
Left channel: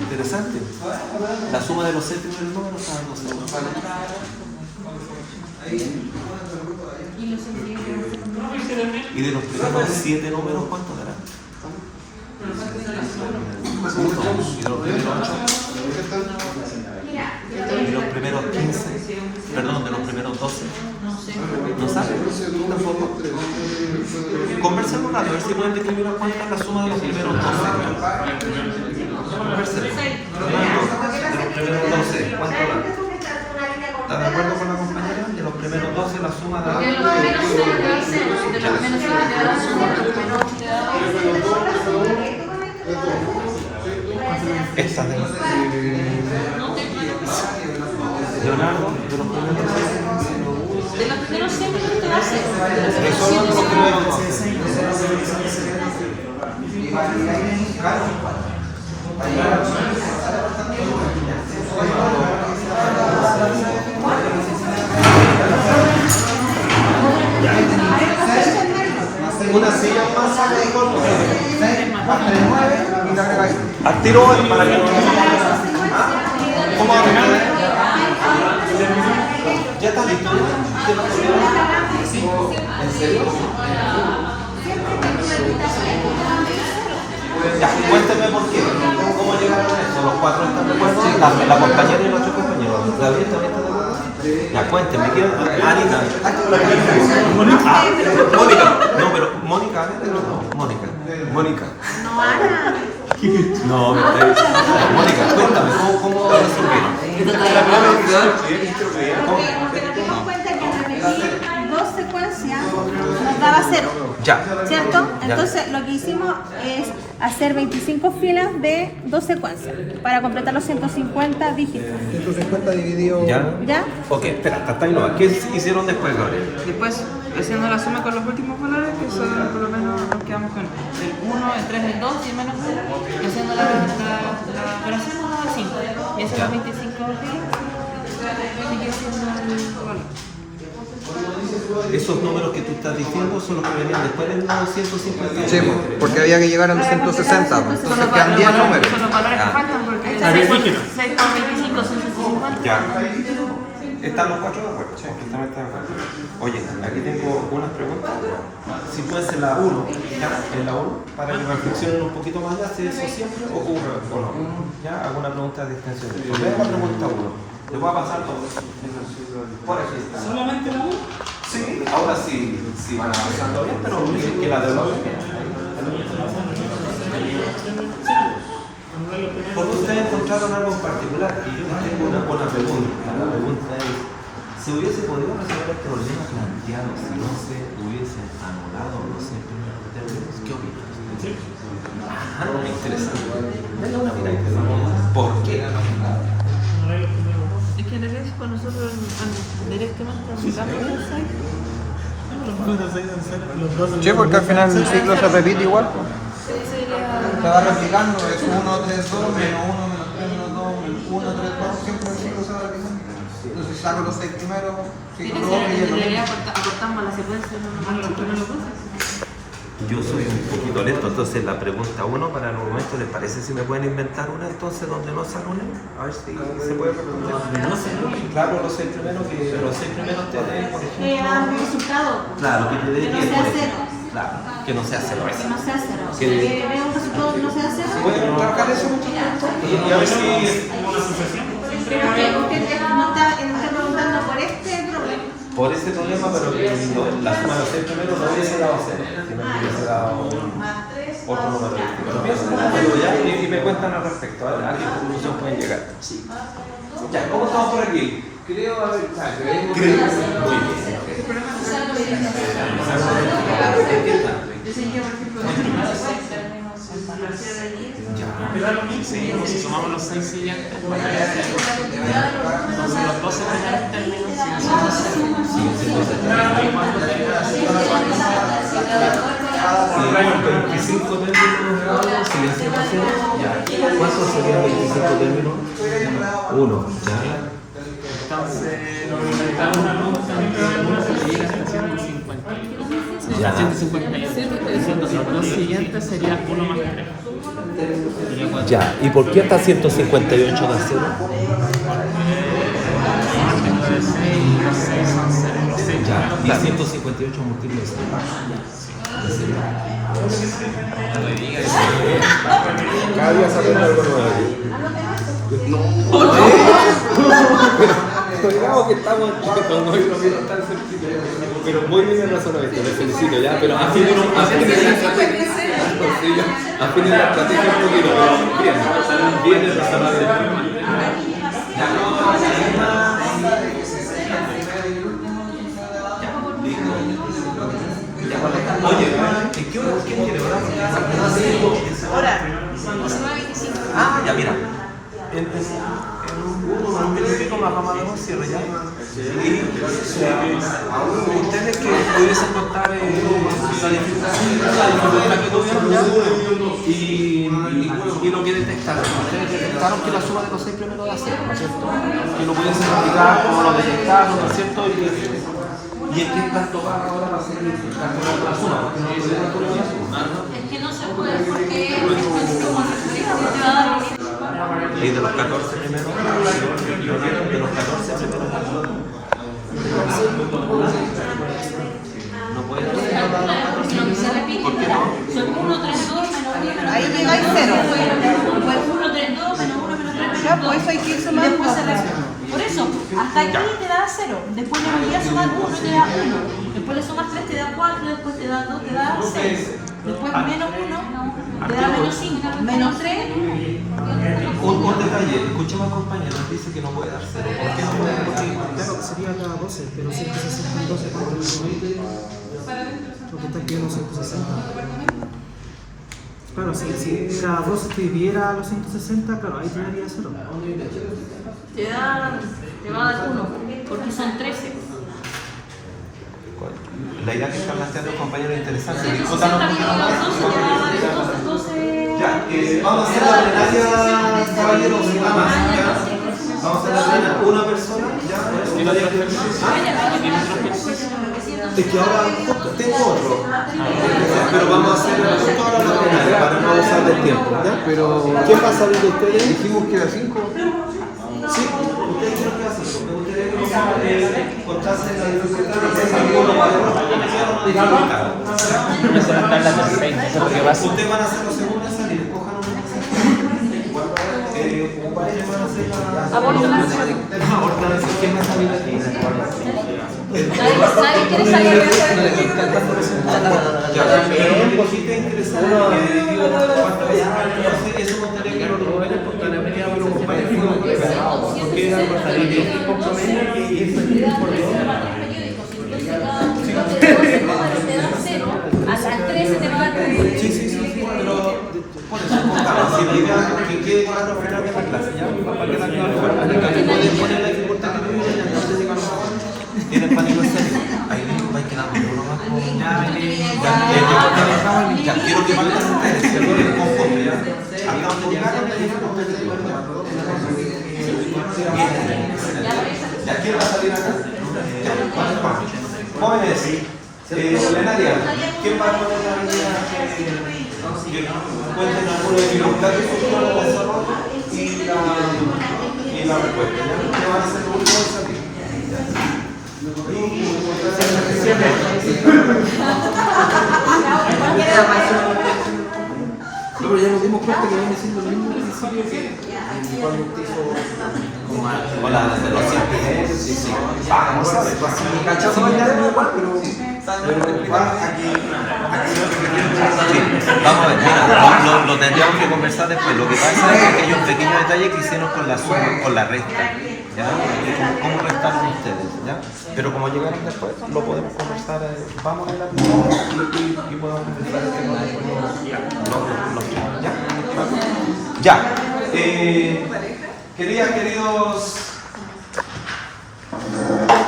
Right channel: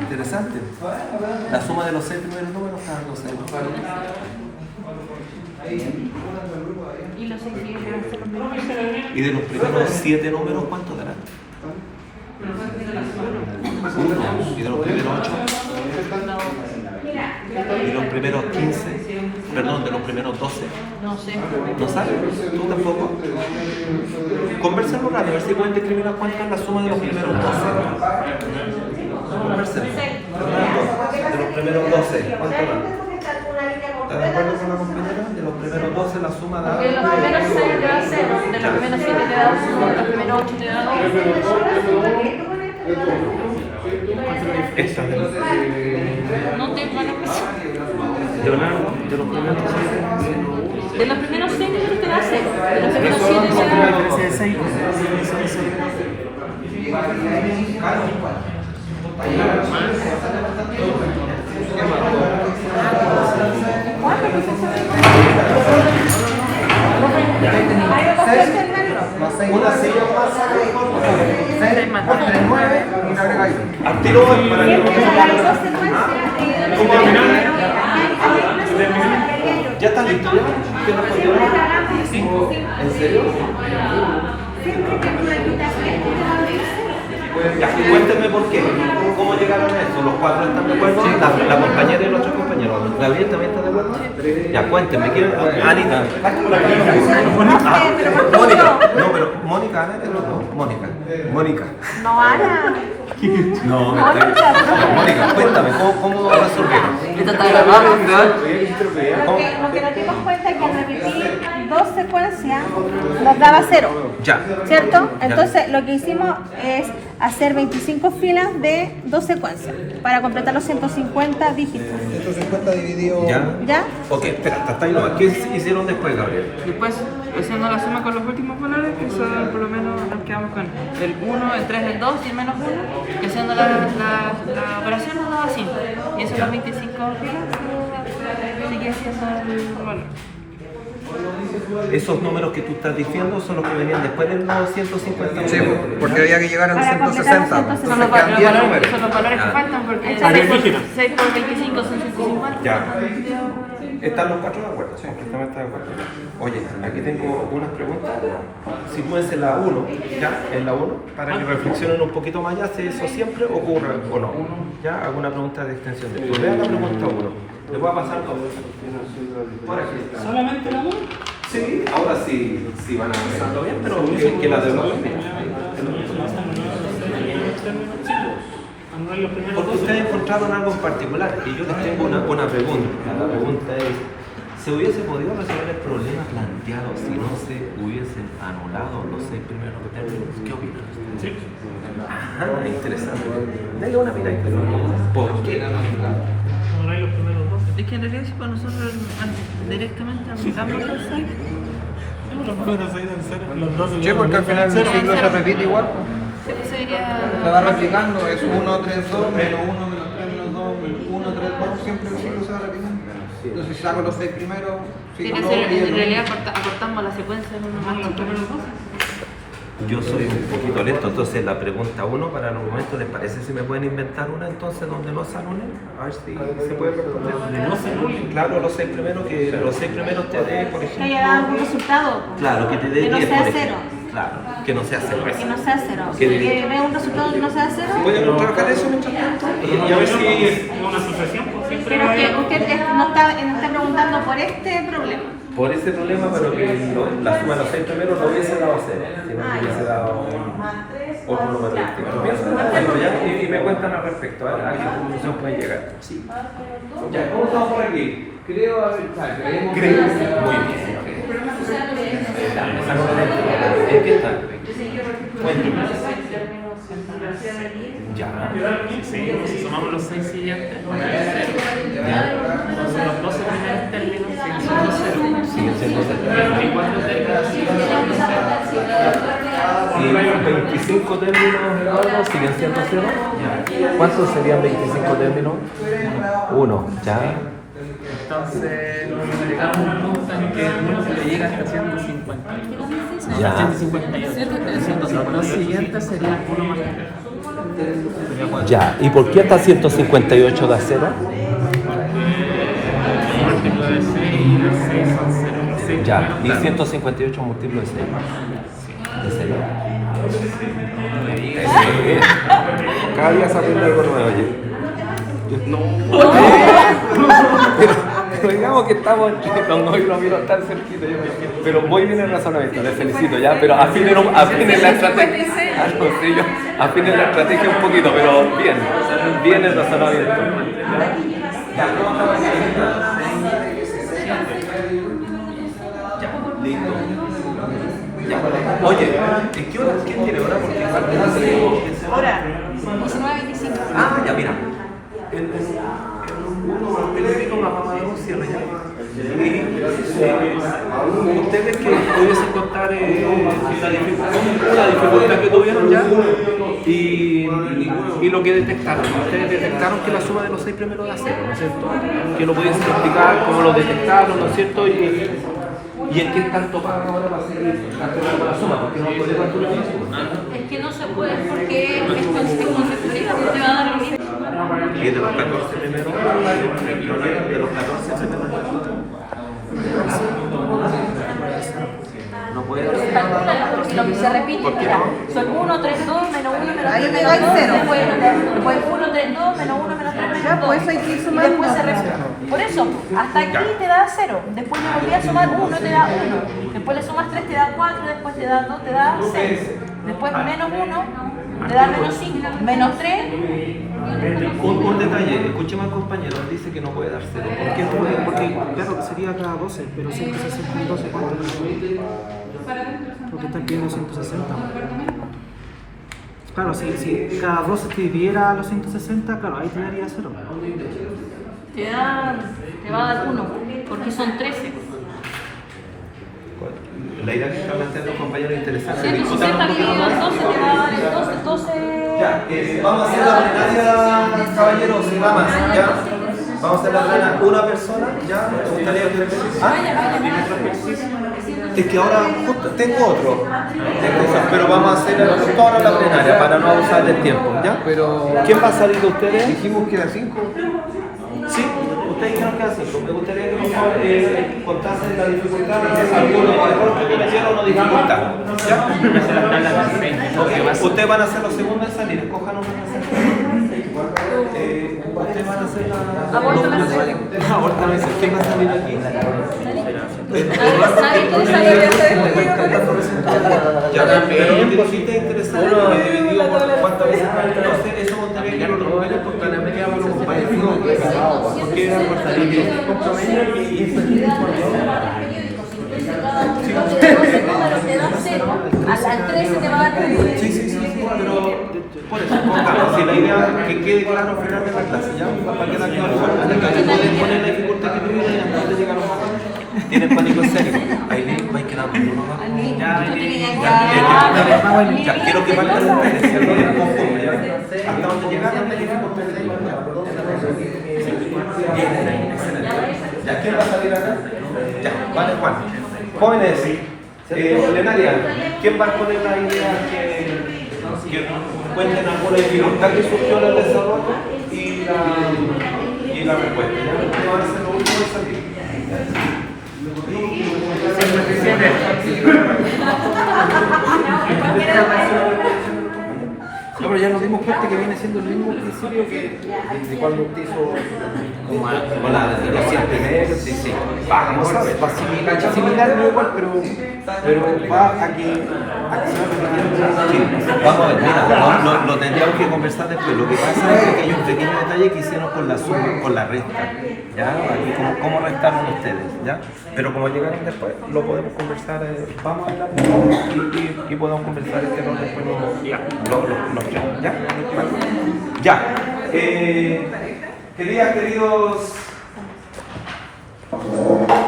Interesante. La suma de los 6 primeros números cada 12 números. ¿Y de los primeros 7 números cuánto darán? 1. ¿Y de los primeros 8? ¿Y de los primeros 15? Perdón, de los primeros 12. ¿No sabes? ¿Tú tampoco? Conversemos a ver si pueden discriminar cuánto es la suma de los primeros 12. Conversemos. Fernando, de los primeros 12, ¿cuánto da? ¿Estás de acuerdo con la compañera? De los primeros 12 la suma da... De los primeros 6 te da 0, de los primeros 7 te da 1, de los primeros 8 te da 2. Esta de los... No te Leonardo, de los primeros 6. De los primeros 6 te da 0. De solo los primeros 12. Una silla más. Al tiro para que no ¿Ya estás listo? ¿En serio? Cuéntenme por qué. ¿Cómo llegaron a eso? ¿Los 4 están de acuerdo? La compañera y los 8 compañeros. ¿Gabriel también está de acuerdo? Ya, cuéntenme. Anita. Ah, Mónica. No, pero Mónica, Ana, no, Mónica. No, Ana. No, me está diciendo. Mónica, cuéntame, ¿cómo resolvieron? ¿Cómo? Porque nos dimos cuenta que al repetir 2 secuencias nos daba 0. Ya. ¿Cierto? Entonces lo que hicimos es hacer 25 filas de 2 secuencias para completar los 150 dígitos. 150 dividido... ¿Ya? Ok, espera, hasta ahí no. ¿Qué hicieron después, Gabriel? Después, haciendo la suma con los últimos valores, que son por lo menos nos quedamos con el 1, el 3, el 2 y el menos 1, y haciendo la operación nos daba 5. Y eso las 25 filas sigue siendo el valor. Esos números que tú estás diciendo son los que venían después de los 150. Sí, porque había que llegar a los 160. Son los valores que faltan porque 6 por 25 son 150. Ya. Están los 4 de acuerdo. Completamente de acuerdo. Oye, aquí tengo unas preguntas. Si puede ser la 1, ¿ya? En la 1, para que reflexionen un poquito más ya si eso siempre ocurre o no. ¿Ya? Alguna pregunta de extensión de esto. Vean la pregunta 1. Le voy a pasar todo. Por aquí está. ¿Solamente la 1? Sí, ahora sí van avanzando bien, pero que la de los... Porque ustedes encontraron algo en particular y yo les tengo una buena pregunta. La pregunta es, ¿se hubiese podido resolver el problema planteado si no se hubiesen anulado los 6 primeros términos? ¿Qué opinan ustedes? Ah, muy interesante. Denle una miradita. ¿Por qué la anularon? Es que en realidad si para nosotros directamente aplicamos el 6. Sí, porque al final el ciclo se repite igual. Eso sería... Se va replicando, es 1, 3, 2, menos 1, menos 3, menos 2, menos 1, 3, 2, siempre el ciclo se va replicando. Entonces si saco los 6 primeros, Tiene sigo que los ser, y en el realidad acortamos la secuencia de los primeros 12. Yo soy un poquito lento, entonces la pregunta 1 para el argumento, ¿les parece si me pueden inventar una entonces donde no sale una? A ver si se puede responder. Claro, los 6 primeros, que los 6 primeros te dé, por Que ejemplo. haya un resultado. Claro, que te dé Que no 10, sea por cero. ejemplo. Claro, que no sea cero. Que no sea cero. Que Que vea un resultado que no sea cero. ¿Pueden trabajar eso mientras tanto? Y a ver si... Porque usted no está preguntando por este problema. Por ese problema, pero que la suma de los 6 primeros no hubiese dado 0, sino que hubiese dado otro número distinto. Piensen ya y me cuentan al respecto, a qué conclusión pueden llegar. Ya, ¿cómo estamos por aquí? Creo, a ver, creo. Muy bien. ¿En qué están? Ya. Sí, si sumamos los 6 siguientes, entonces los 12 primeros términos siguen siendo 0. Siguen siendo 0. Y los 25 términos siguen siendo 0. Ya. ¿Cuántos serían 25 términos? 1. Ya. Entonces, nos inventamos una nota que llega hasta 150. Ya. 158. Entonces, los dos siguientes serían 1 más 3. Ya. ¿Y por qué hasta 158 da 0? Ya. ¿Y 158 múltiplo de 0? ¿De 0? Cada día se aprende algo nuevo. Creo que estamos cuando hoy lo vieron tan cerquita, pero muy bien el razonamiento, les felicito ya, pero afinen la estrategia. Afinen la estrategia un poquito, pero bien el razonamiento. Ya, listo. Ya, oye, ¿en qué hora? ¿Quién tiene hora? Ahora, 19:25. Ah, ya, mira. En una rama de cierre ya. Ustedes que pudiesen contar la dificultad que tuvieron ya y lo que detectaron. Ustedes detectaron que la suma de los 6 primeros da 0, ¿no es cierto? Que lo pudiesen explicar cómo lo detectaron, ¿no es cierto? Y el que es tanto para ahora va a ser la suma, porque no puede calcular la suma. Es que no se puede porque es consecutiva, porque va a dar los... Ahí de los 14 primeros, de los 14 primeros. No puede. Lo que se repite, ¿Por qué no? son 1, 3, 2, menos 1, menos 3. Ahí llegáis 0. Después 1, 3, 2, menos 1, menos 3. Ya, pues eso hay que ir Y sumando. después se repite. Por eso, hasta aquí te da 0. Después te volví a sumar 1, te da 1. Después le sumas 3, te da 4. Después te da 2, te da 6. Después menos 1, te da menos 5. Menos 3. Un detalle, escuchemos al compañero, dice que no puede dar 0. ¿Por qué no puede? Porque Claro, sería cada 12, pero 160 en 12, ¿cuánto es? Porque está escribiendo 160. Claro, si cada 12 te dividiera los 160, claro, ahí te daría 0. Te va a dar 1. Porque son 13. la idea que están haciendo los compañeros es interesante. Sí, Discutan un poquito más. 12. Ya, vamos a hacer la plenaria, caballeros y damas, ¿ya? Vamos a hacer la plenaria, una persona, ¿ya? Es que ahora justo tengo otro, pero vamos a hacer toda la plenaria para no abusar del tiempo, ¿ya? Pero ¿Quién va a salir de ustedes? dijimos que era 5. Sí, ustedes dijeron que era 5. Me gustaría que nos contasen la dificultad de algunos errores que cometieron o no dificultad. ¿Ya? Ustedes van a ser los segundos en salir, escojan una en ustedes van a hacer la... ¿Quién va a salir aquí? Ya, pero lo que hiciste es interesante porque dividido por cuántas veces va entonces eso me gustaría que lo recuperen porque la verdad que lo compartimos porque era importante. Al 13 te va a dar. Sí, pero por eso, pongamos, si la idea que quede claro al final de la clase, ¿ya? Para que la clase pueden poner la dificultad que tuvieron y antes de llegar a un momento. Tienen pánico escénico. Ahí va a quedar Ya, quiero que partan ustedes, perdón, el conjunto, ya. Hasta un poquito ya, ¿quién va a salir acá? Ya, vale, Juan. Jóvenes, plenaria, ¿quién va a poner la idea que cuenten alguna dificultad que surgió en el desarrollo y la respuesta? ¿Qué van a hacer lo último de salir? No, pero ya nos dimos cuenta que viene siendo el mismo principio que de cuando usted hizo Con la de los siempre. Sí, sí. vamos a ver, va similar, no igual, pero va aquí. Sí, vamos a ver, mira, lo tendríamos que conversar después. Lo que pasa es que hay un pequeño detalle que hicieron con la suma, con la resta. ¿Ya? Aquí, ¿cómo restaron ustedes? ¿Ya? Pero como llegaron después, lo podemos conversar. Vamos a la y podemos conversar este rol después los tres. ¿Ya? Vale. Ya. Queridos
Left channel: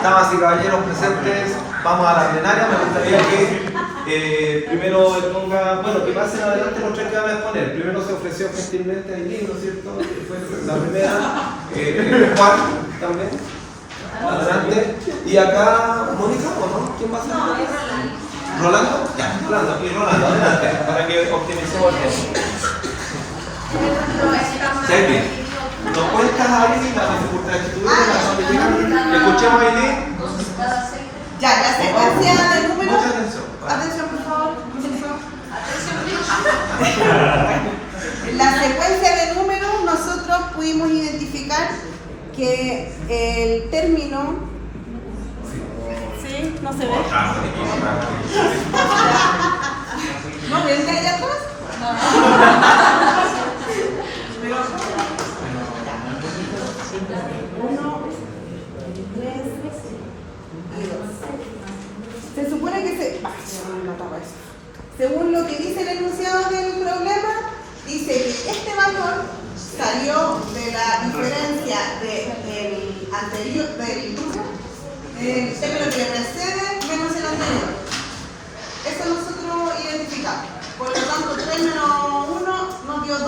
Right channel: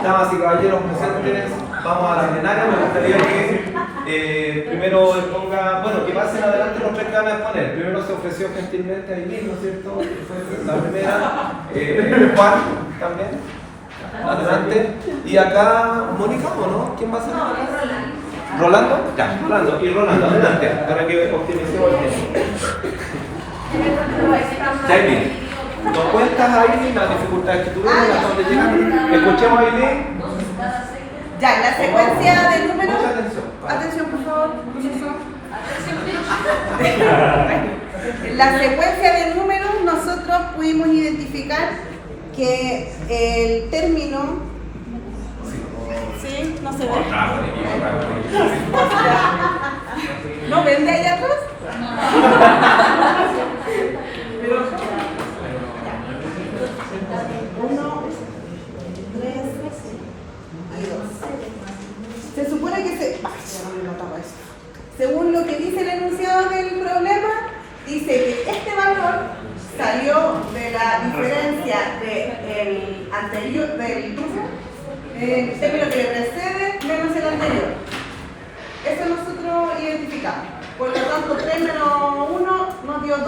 damas y caballeros presentes, vamos a la plenaria. Me gustaría que primero ponga, bueno, que pasen adelante los tres que van a exponer. Primero se ofreció gentilmente Aileen, ¿no es cierto? Fue la primera. Juan también. Adelante. Y acá, Mónica, ¿no? ¿Quién va a ser? ¿Rolando? Ya, Rolando. Y Rolando, adelante, para que optimicemos el tiempo. ¿Qué hay bien? ¿Nos cuentas, Aileen, las dificultades que tuvieron, las donde llegaron? Escuchemos, Aileen. Ya, la secuencia de números. Mucha atención. Atención, por favor, profesor. La secuencia de números, nosotros pudimos identificar que el término. ¿Sí? ¿No se ve? ¿No ven de ahí atrás? Uno, tres y dos. Se supone que según lo que dice el enunciado del problema, dice que este valor salió de la diferencia del anterior, del término que le precede menos el anterior. Eso nosotros identificamos. Por lo tanto, 3 menos 1 nos dio 2.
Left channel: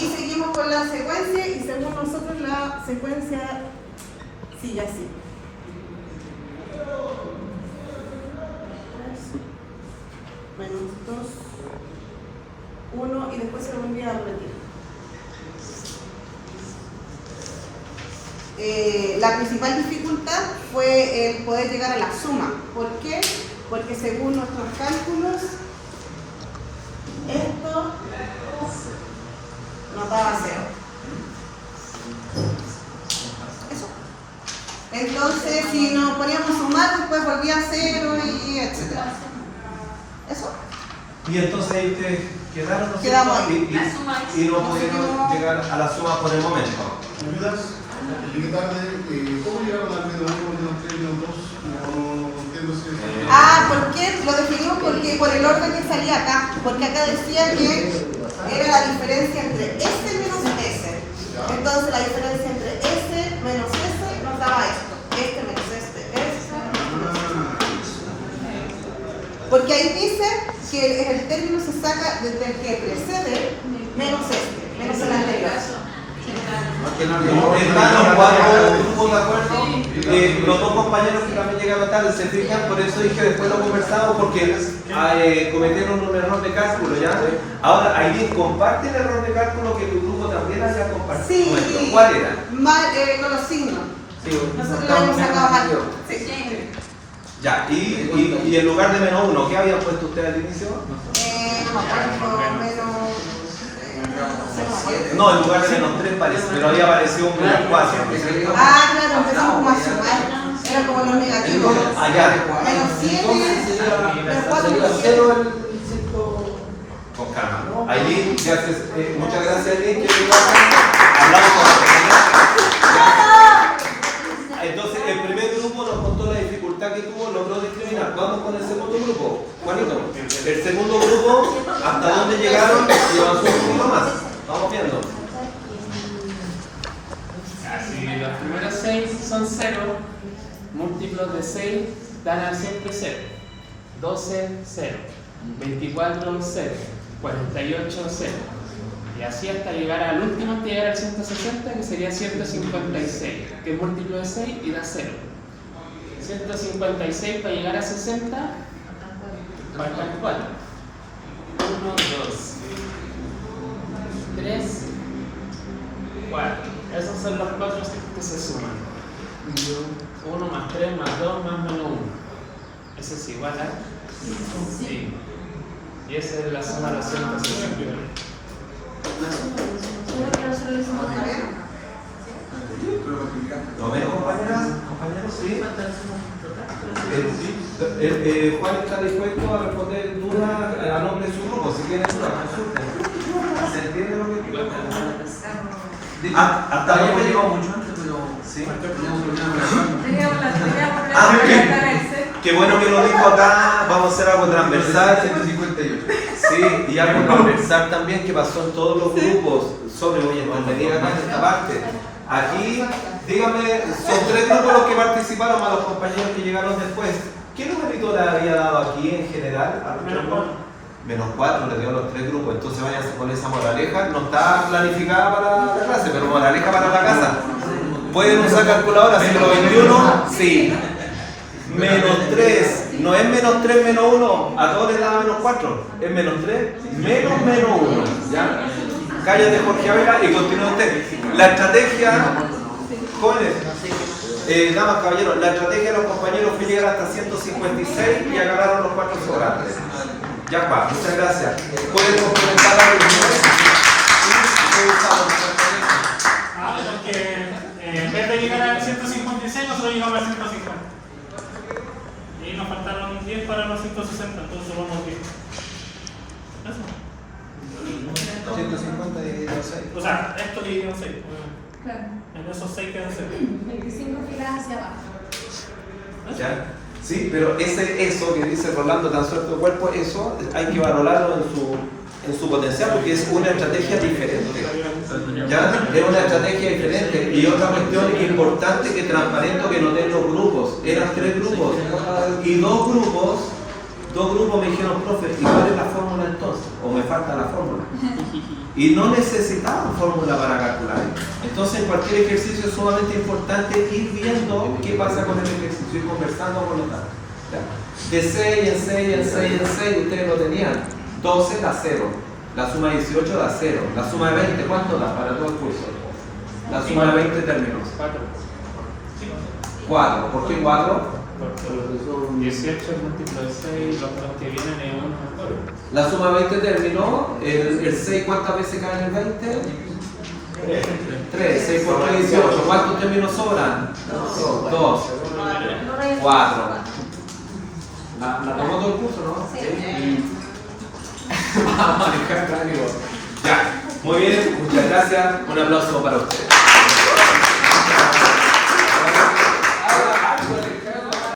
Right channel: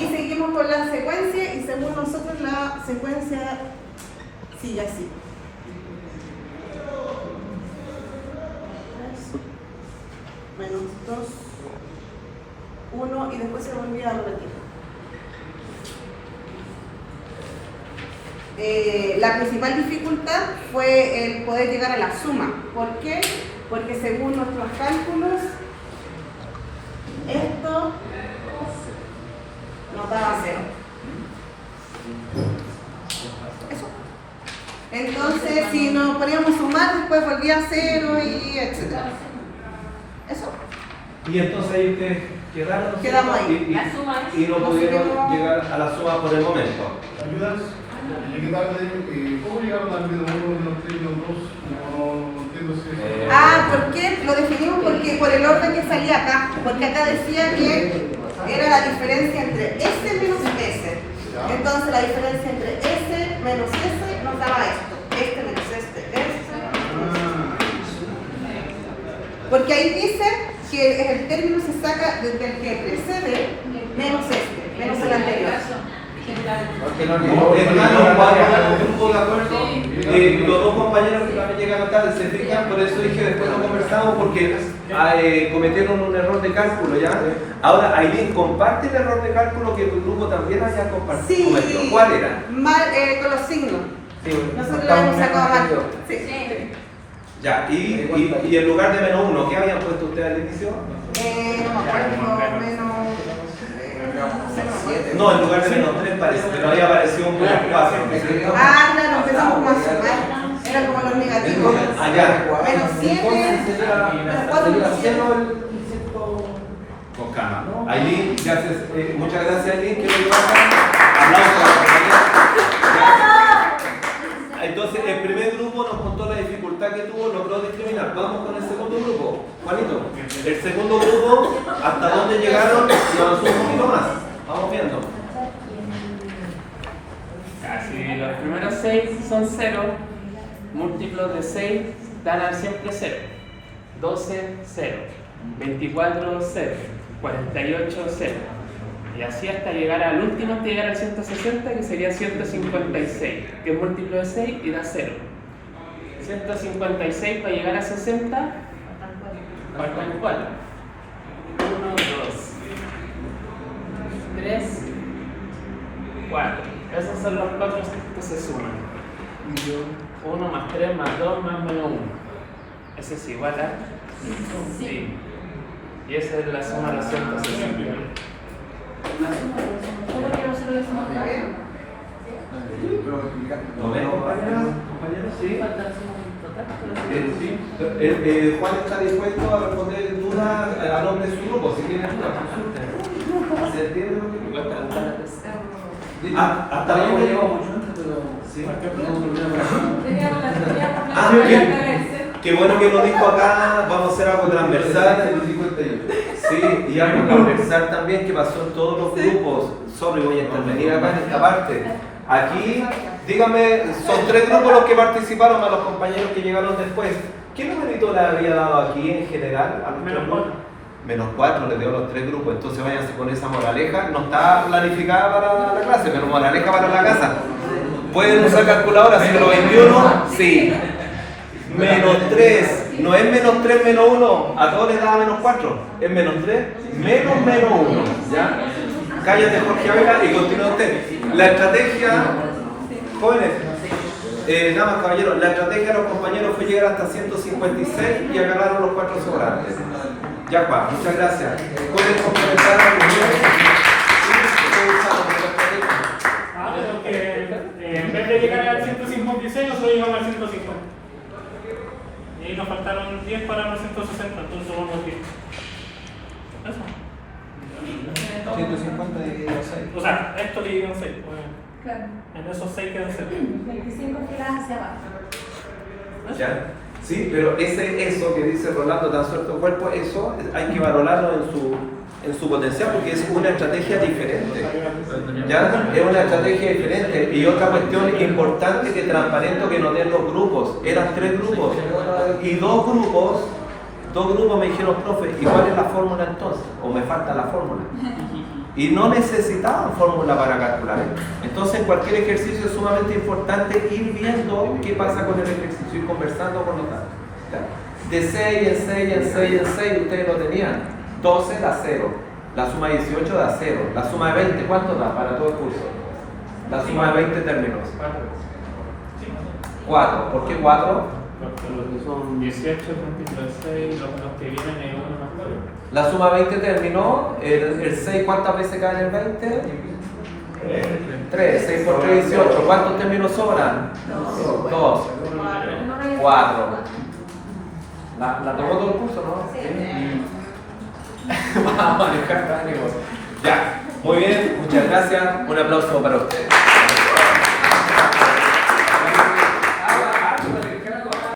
Y seguimos con la secuencia y según nosotros la secuencia sigue así. Menos 2, 1 y después se volvía a repetir. La principal dificultad fue el poder llegar a la suma. ¿Por qué? Porque según nuestros cálculos, esto nos daba 0. Eso. Entonces, si nos poníamos a sumar, después volvía a 0 y etc. Eso. Y entonces ahí ustedes quedaron, ¿no? Quedamos ahí. Y no pudieron llegar a la suma por el momento. ¿Ayudas? ¿Cómo llegaron al menos 1, menos 3, menos 2? No entiendo si... ¿Por qué? Lo definimos porque por el orden que salía acá. Porque acá decía que era la diferencia entre S menos S. Entonces la diferencia entre S menos S nos daba esto. Este menos este. Porque ahí dice que el término se saca desde el que precede menos este, menos el anterior. Los dos compañeros que también llegaron tarde se fijan, por eso dije después lo conversamos porque cometieron un error de cálculo, ¿ya? Ahora, Aileen, ¿comparte el error de cálculo que tu grupo también haya compartido? Sí. ¿Cuál era? Mal, con los signos. Sí, Nosotros lo habíamos sacado mal. Sí. Ya, y en lugar de menos 1, ¿qué habían puesto ustedes al inicio? No me acuerdo, menos... No, en lugar de menos 3 parece, pero había aparecido un menos 4. Claro, empezamos como a sumar. Era como los negativos. Allá. Menos 7, menos 4, Con calma. Aileen, gracias, muchas gracias, Aileen. Quiero ir acá. Hablamos con la compañera. Entonces, el primer grupo nos contó la dificultad que tuvo, logró discriminar. Vamos con el segundo grupo. Juanito, el segundo grupo, ¿hasta dónde llegaron? Y avanzó un poquito más. Vamos viendo. Si los primeros 6 son 0, múltiplos de 6 dan a siempre 0. 12, 0. 24, 0. 48, 0. Y así hasta llegar al último, hasta llegar al 160, que sería 156, que es múltiplo de 6 y da 0. 156 para llegar a 60, faltan 4. 1, 2, 3, 4. Esos son los 4 que se suman. 1 más 3 más 2 más menos 1. Eso es igual a 5. Sí. Y esa es la suma de los 160. La suma que nosotros decimos ¿Lo ven, compañeros? Sí. Juan está dispuesto a responder dudas a nombre de su grupo. Si tienen dudas, consulten. ¿Se entiende lo que hasta luego llegó mucho antes, pero sí. Qué bueno que lo dijo acá. Vamos a hacer algo transversal. 158. Sí, y algo transversal también que pasó en todos los grupos. Solo voy a intervenir acá en esta parte. Aquí, díganme, son 3 grupos los que participaron, más los compañeros que llegaron después. ¿Qué numerito le había dado aquí en general a nuestro grupo? Menos 4 le dio los 3 grupos, entonces váyanse con esa moraleja. No está planificada para la clase, pero moraleja para la casa. ¿Pueden usar calculadora? ¿Siglo 21? Sí. Menos 3, no es menos 3 menos 1, a todos les da menos 4, es menos 3, menos 1, ¿ya? Cállate Jorge Ávila y continúa usted. La estrategia, jóvenes, damas, caballeros, la estrategia de los compañeros fue llegar hasta 156 y agarraron los 4 sobrantes. Ya está, muchas gracias. Pueden complementar la reunión porque en vez de llegar al 156, nosotros llegamos al 150. Y ahí nos faltaron 10 para los 160, entonces vamos 10. Eso. 150 dividido 6. O sea, esto le dieron 6. Claro. En esos 6 quedan 0. 25 giras hacia abajo. ¿Ya? Sí, pero eso que dice Rolando, tan suelto cuerpo, eso hay que valorarlo en su potencial porque es una estrategia diferente. ¿Ya? Es una estrategia diferente. Y otra cuestión importante que transparento que noté en los grupos. Eran 3 grupos. Y 2 grupos me dijeron, profe, ¿y cuál es la fórmula entonces? O me falta la fórmula. Y no necesitaban fórmula para calcular esto. Entonces, en cualquier ejercicio es sumamente importante ir viendo qué pasa con el ejercicio y conversando con los datos. De 6 en 6 en 6 en 6, ustedes lo tenían. 12 da 0. La suma de 18 da 0. La suma de 20, ¿cuánto da para todo el curso? La suma de 20 términos. 4. ¿Por qué 4? Porque son 18 múltiplo de 6, los que vienen en 1 más 2. La suma 20 terminó. El 6, ¿cuántas veces caen en 20? 3. 6 por 3, 18. ¿Cuántos términos sobran? 2. 4. ¿La tomó todo el curso, no? Sí. Vamos a manejar. Ya. Muy bien. Muchas gracias. Un aplauso para ustedes.